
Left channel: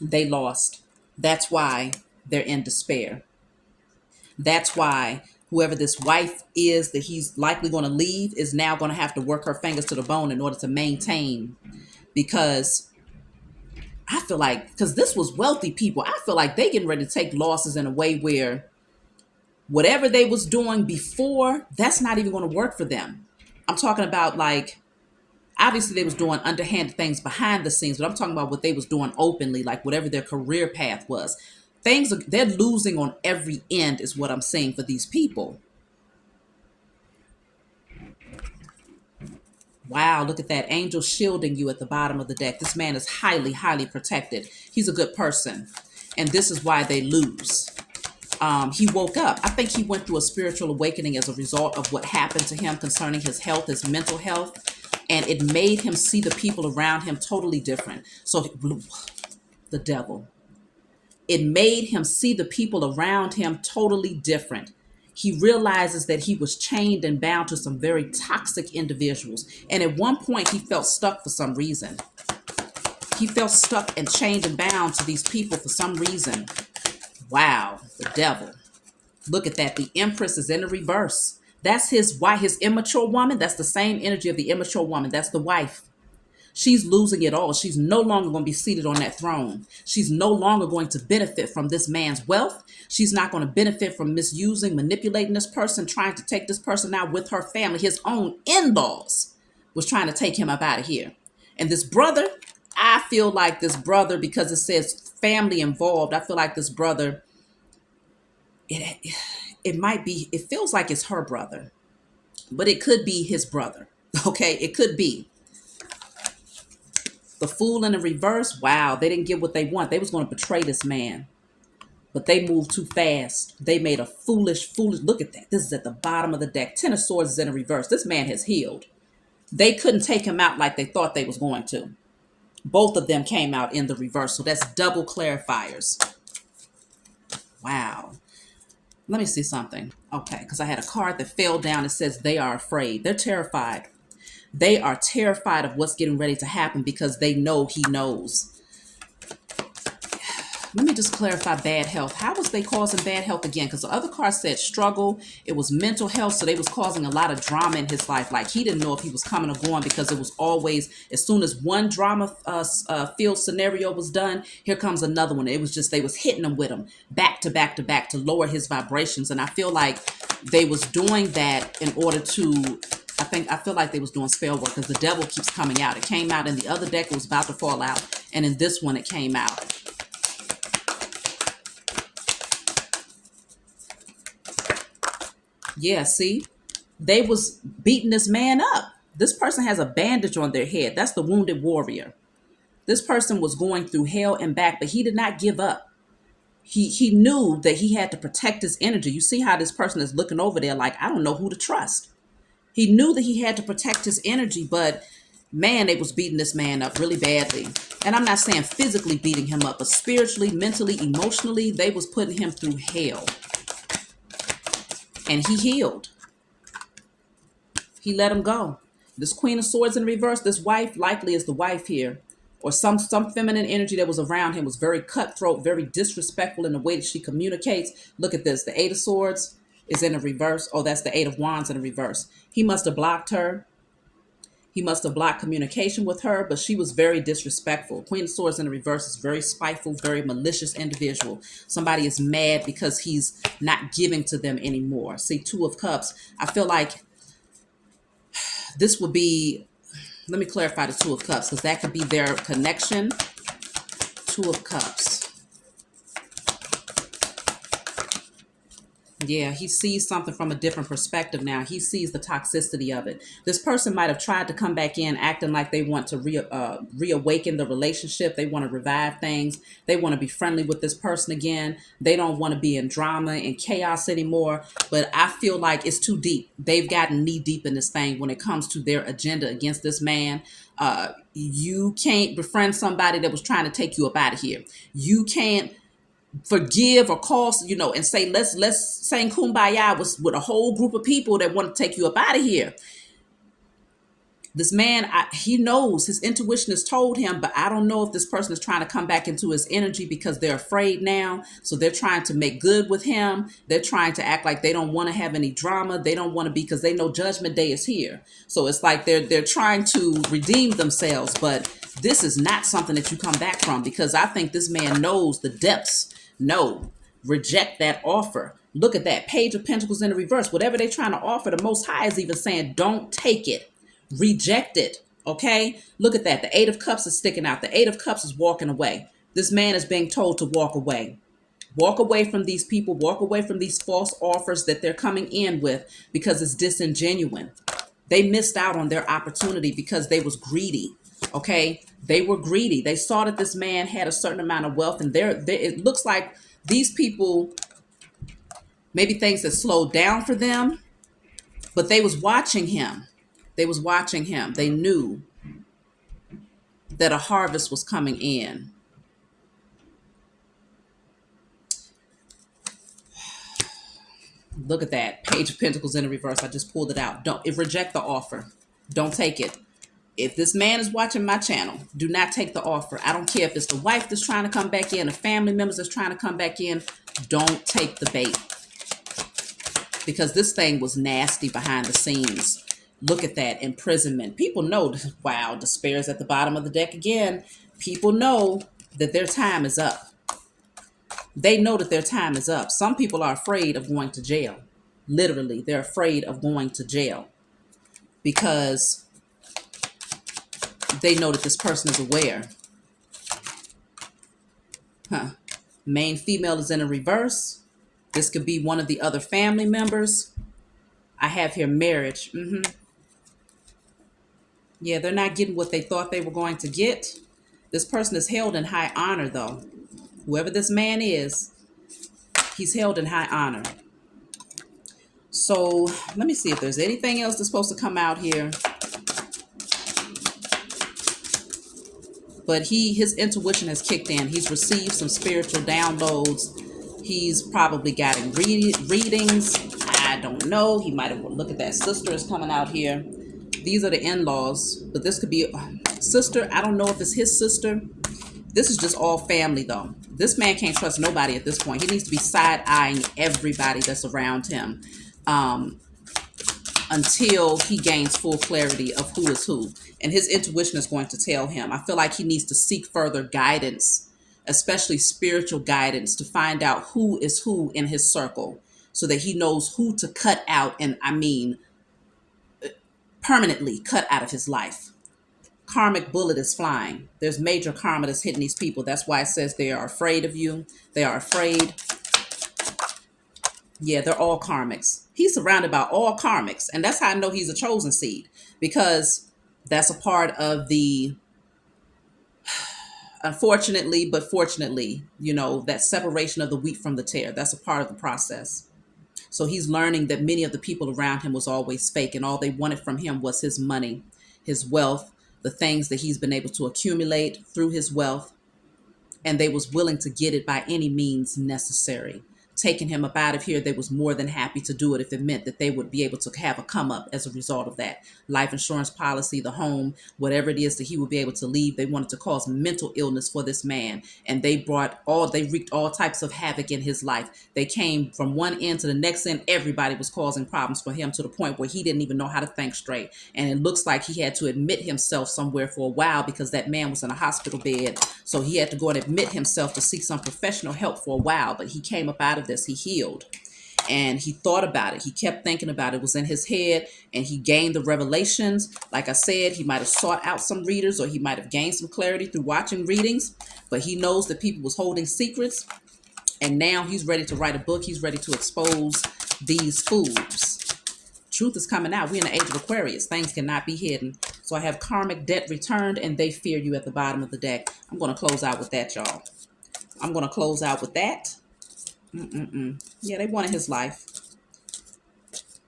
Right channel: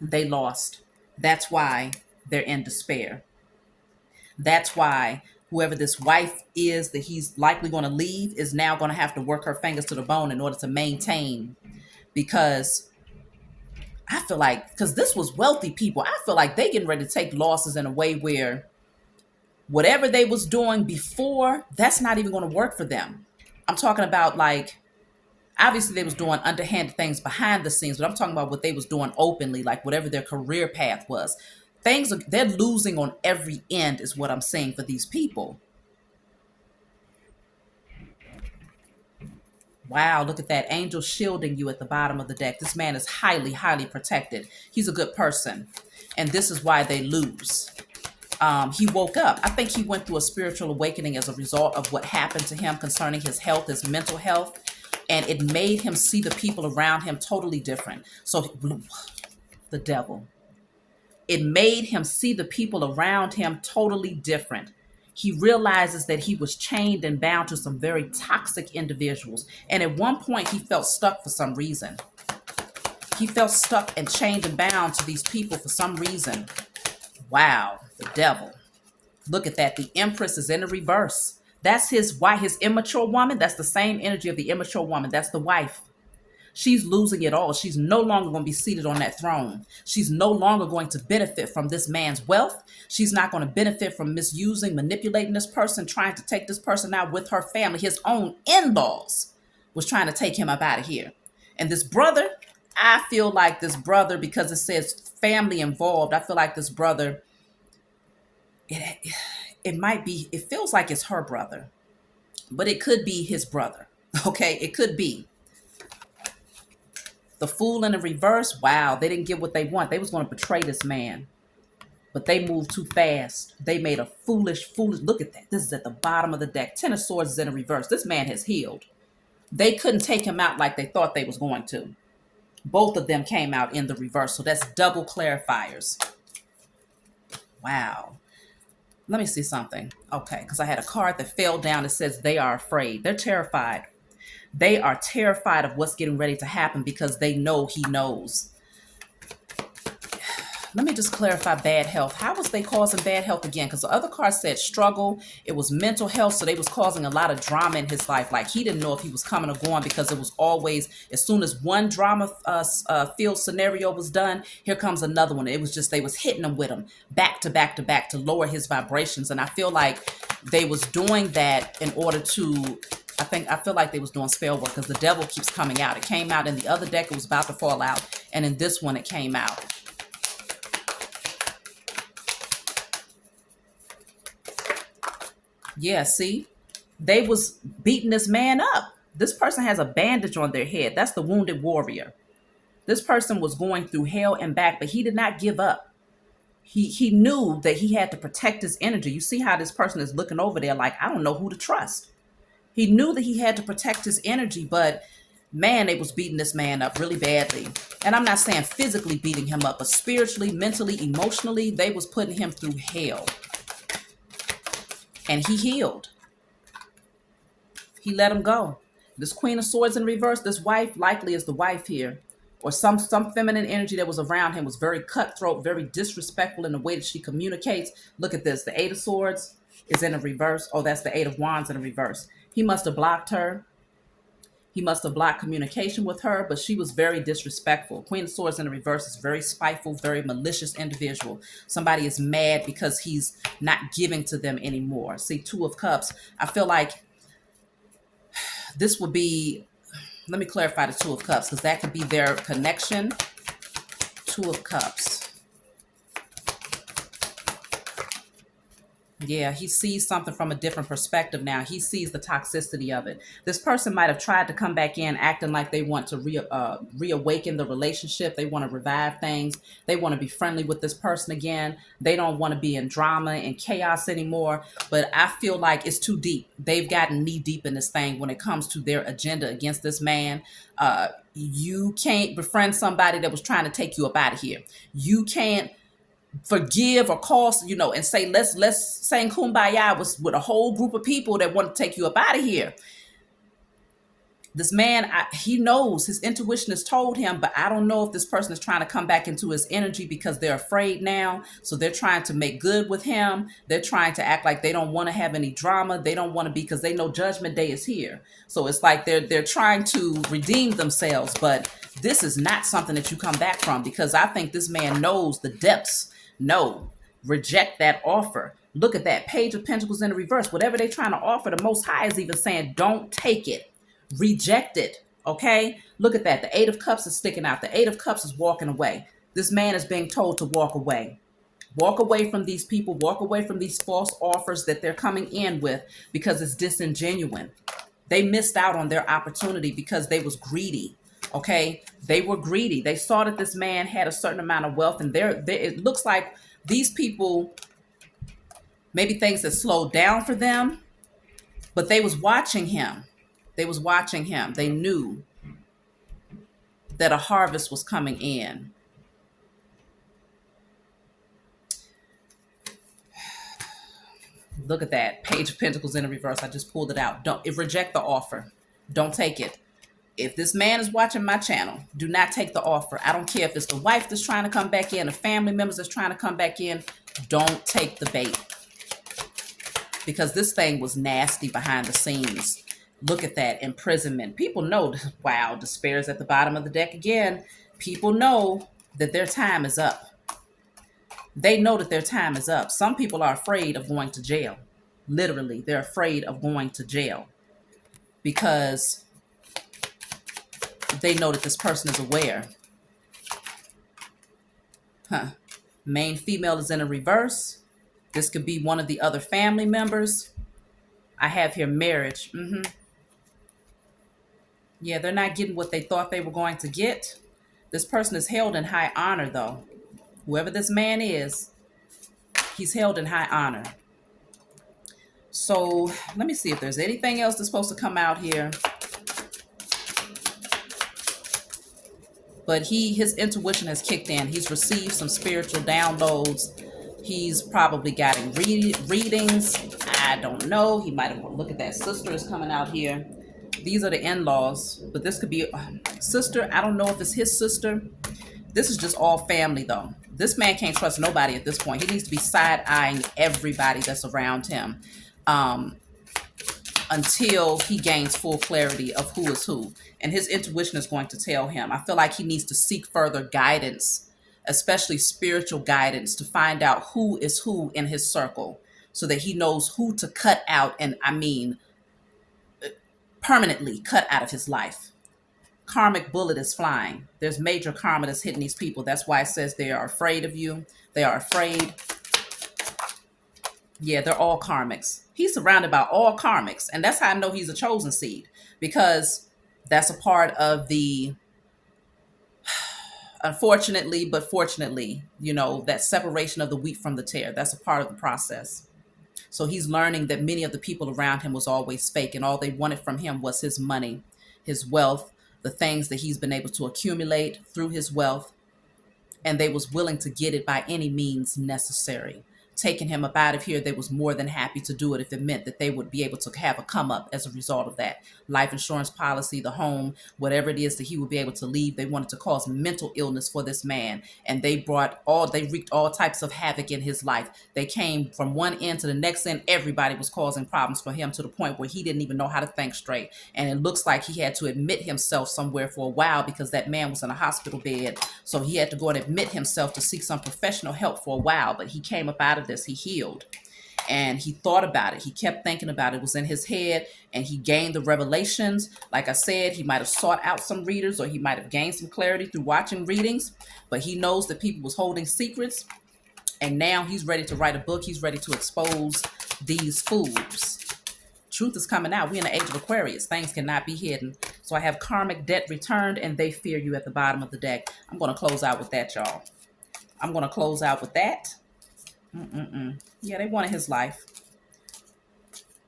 They lost. That's why they're in despair. That's why whoever this wife is that he's likely going to leave is now going to have to work her fingers to the bone in order to maintain. Because I feel like, because this was wealthy people, I feel like they getting ready to take losses in a way where whatever they was doing before, that's not even going to work for them. I'm talking about, like, obviously they was doing underhanded things behind the scenes, but I'm talking about what they was doing openly, like whatever their career path was. They're losing on every end is what I'm saying for these people. Wow, look at that. Angel shielding you at the bottom of the deck. This man is highly, highly protected. He's a good person. And this is why they lose. He woke up. I think he went through a spiritual awakening as a result of what happened to him concerning his health, his mental health. and it made him see the people around him totally different. So the devil, it made him see the people around him totally different. He realizes that he was chained and bound to some very toxic individuals. And at one point, he felt stuck for some reason. He felt stuck and chained and bound to these people for some reason. Wow, the devil. Look at that. The Empress is in the reverse. That's his wife, his immature woman. That's the same energy of the immature woman. That's the wife. She's losing it all. She's no longer going to be seated on that throne. She's no longer going to benefit from this man's wealth. She's not going to benefit from misusing, manipulating this person, trying to take this person out with her family. His own in-laws was trying to take him up out of here. And this brother, I feel like this brother, because it says family involved, I feel like this brother, it might be, it feels like it's her brother, but it could be his brother. Okay, it could be. The Fool in the reverse, wow, they didn't get what they want. They was going to betray this man, but they moved too fast. They made a foolish, look at that. This is at the bottom of the deck. Ten of Swords is in the reverse. This man has healed. They couldn't take him out like they thought they was going to. Both of them came out in the reverse, so that's double clarifiers. Wow. Let me see something. Okay, because I had a card that fell down. It says they are afraid. They're terrified. They are terrified of what's getting ready to happen because they know he knows. Let me just clarify bad health. How was they causing bad health again? Because the other card said struggle. It was mental health, so they was causing a lot of drama in his life. Like he didn't know if he was coming or going because it was always, as soon as one drama field scenario was done, here comes another one. It was just, they was hitting him with them back to back to back to lower his vibrations. And I feel like they was doing that in order to, I feel like they was doing spell work because the devil keeps coming out. It came out in the other deck. It was about to fall out. And in this one, it came out. Yeah, see, they was beating this man up. This person has a bandage on their head. That's the wounded warrior. This person was going through hell and back, but he did not give up. He knew that he had to protect his energy. You see how this person is looking over there like, I don't know who to trust. He knew that he had to protect his energy, but man, they was beating this man up really badly. And I'm not saying physically beating him up, but spiritually, mentally, emotionally, they was putting him through hell. And he healed. He let him go. This Queen of Swords in reverse, this wife likely is the wife here. Or some feminine energy that was around him was very cutthroat, very disrespectful in the way that she communicates. Look at this. The Eight of Swords is in a reverse. Oh, that's the Eight of Wands in a reverse. He must have blocked her. He must have blocked communication with her, but she was very disrespectful. Queen of Swords in the reverse is very spiteful, very malicious individual. Somebody is mad because he's not giving to them anymore. See, Two of Cups. I feel like this would be, let me clarify the Two of Cups, because that could be their connection. Two of Cups. Yeah, he sees something from a different perspective now. He sees the toxicity of it. This person might have tried to come back in acting like they want to reawaken the relationship. They want to revive things. They want to be friendly with this person again. They don't want to be in drama and chaos anymore. But I feel like it's too deep. They've gotten knee deep in this thing when it comes to their agenda against this man. You can't befriend somebody that was trying to take you up out of here. You can't forgive or call, and say let's sing kumbaya with a whole group of people that want to take you up out of here. This man, he knows, his intuition has told him, but I don't know if this person is trying to come back into his energy because they're afraid now. So they're trying to make good with him. They're trying to act like they don't want to have any drama. They don't want to be, because they know Judgment Day is here. So it's like they're trying to redeem themselves, but this is not something that you come back from, because I think this man knows the depths. No, reject that offer. Look at that. Page of Pentacles in the reverse. Whatever they're trying to offer, the Most High is even saying, don't take it. Reject it. Okay? Look at that. The Eight of Cups is sticking out. The Eight of Cups is walking away. This man is being told to walk away. Walk away from these people. Walk away from these false offers that they're coming in with, because it's disingenuous. They missed out on their opportunity because they was greedy. Okay, they were greedy. They saw that this man had a certain amount of wealth, and it looks like these people, maybe things that slowed down for them, but they was watching him. They was watching him. They knew that a harvest was coming in. Look at that. Page of Pentacles in the reverse. I just pulled it out. Don't reject the offer. Don't take it. If this man is watching my channel, do not take the offer. I don't care if it's the wife that's trying to come back in, the family members that's trying to come back in. Don't take the bait. Because this thing was nasty behind the scenes. Look at that. Imprisonment. People know, wow, despair is at the bottom of the deck again. People know that their time is up. They know that their time is up. Some people are afraid of going to jail. Literally, they're afraid of going to jail because they know that this person is aware. Main female is in a reverse. This could be one of the other family members. I have here marriage. Yeah, they're not getting what they thought they were going to get. This person is held in high honor, though. Whoever this man is, he's held in high honor. So let me see if there's anything else that's supposed to come out here. But his intuition has kicked in. He's received some spiritual downloads. He's probably gotten readings. I don't know. He might have, look at that. Sister is coming out here. These are the in-laws, but this could be a sister. I don't know if it's his sister. This is just all family, though. This man can't trust nobody at this point. He needs to be side-eyeing everybody that's around him until he gains full clarity of who is who. And his intuition is going to tell him. I feel like he needs to seek further guidance, especially spiritual guidance, to find out who is who in his circle so that he knows who to cut out, and I mean permanently cut out of his life. Karmic bullet is flying. There's major karma that's hitting these people. That's why it says they are afraid of you. They are afraid. Yeah, they're all karmics. He's surrounded by all karmics. And that's how I know he's a chosen seed. Because that's a part of the, unfortunately, but fortunately, you know, that separation of the wheat from the tare. That's a part of the process. So he's learning that many of the people around him was always fake. And all they wanted from him was his money, his wealth, the things that he's been able to accumulate through his wealth. And they was willing to get it by any means necessary. Taking him up out of here, they was more than happy to do it if it meant that they would be able to have a come up as a result of that. Life insurance policy, the home, whatever it is that he would be able to leave. They wanted to cause mental illness for this man. And they wreaked all types of havoc in his life. They came from one end to the next end. Everybody was causing problems for him to the point where he didn't even know how to think straight. And it looks like he had to admit himself somewhere for a while because that man was in a hospital bed. So he had to go and admit himself to seek some professional help for a while. But he came up out of this. He healed. And he thought about it. He kept thinking about it. It was in his head, and he gained the revelations. Like I said, he might have sought out some readers, or he might have gained some clarity through watching readings, but he knows that people was holding secrets, and now he's ready to write a book. He's ready to expose these fools. Truth is coming out. We're in the age of Aquarius. Things cannot be hidden. So I have karmic debt returned, and they fear you at the bottom of the deck. I'm going to close out with that, y'all. I'm going to close out with that. Yeah, they wanted his life.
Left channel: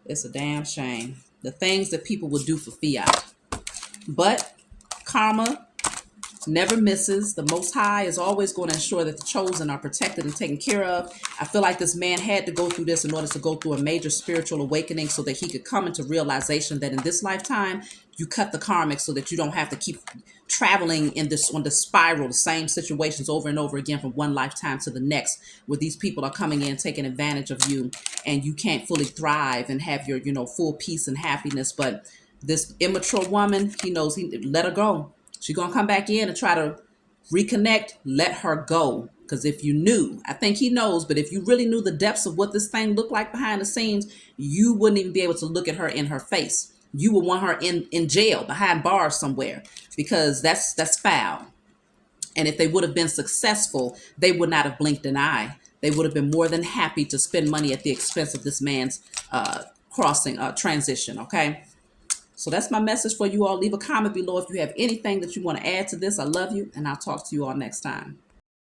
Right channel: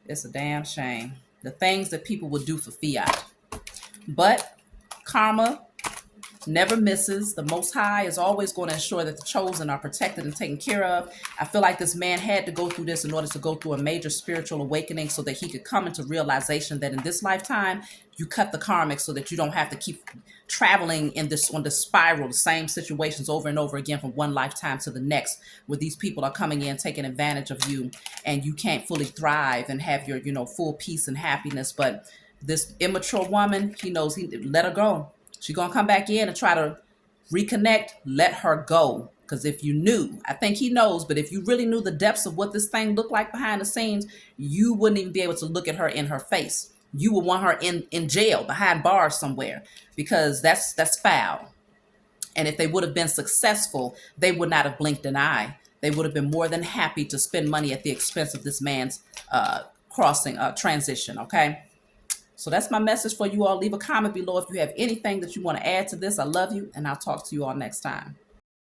It's a damn shame. The things that people would do for fiat. But karma never misses. The Most High is always going to ensure that the chosen are protected and taken care of. I feel like this man had to go through this in order to go through a major spiritual awakening so that he could come into realization that in this lifetime, you cut the karmic so that you don't have to keep traveling on this spiral, the same situations over and over again from one lifetime to the next, where these people are coming in, taking advantage of you, and you can't fully thrive and have your, full peace and happiness. But this immature woman, he knows he let her go. She's going to come back in and try to reconnect. Let her go. Because if you knew, I think he knows, but if you really knew the depths of what this thing looked like behind the scenes, you wouldn't even be able to look at her in her face. You would want her in jail, behind bars somewhere, because that's foul. And if they would have been successful, they would not have blinked an eye. They would have been more than happy to spend money at the expense of this man's transition, okay? So that's my message for you all. Leave a comment below if you have anything that you want to add to this. I love you, and I'll talk to you all next time.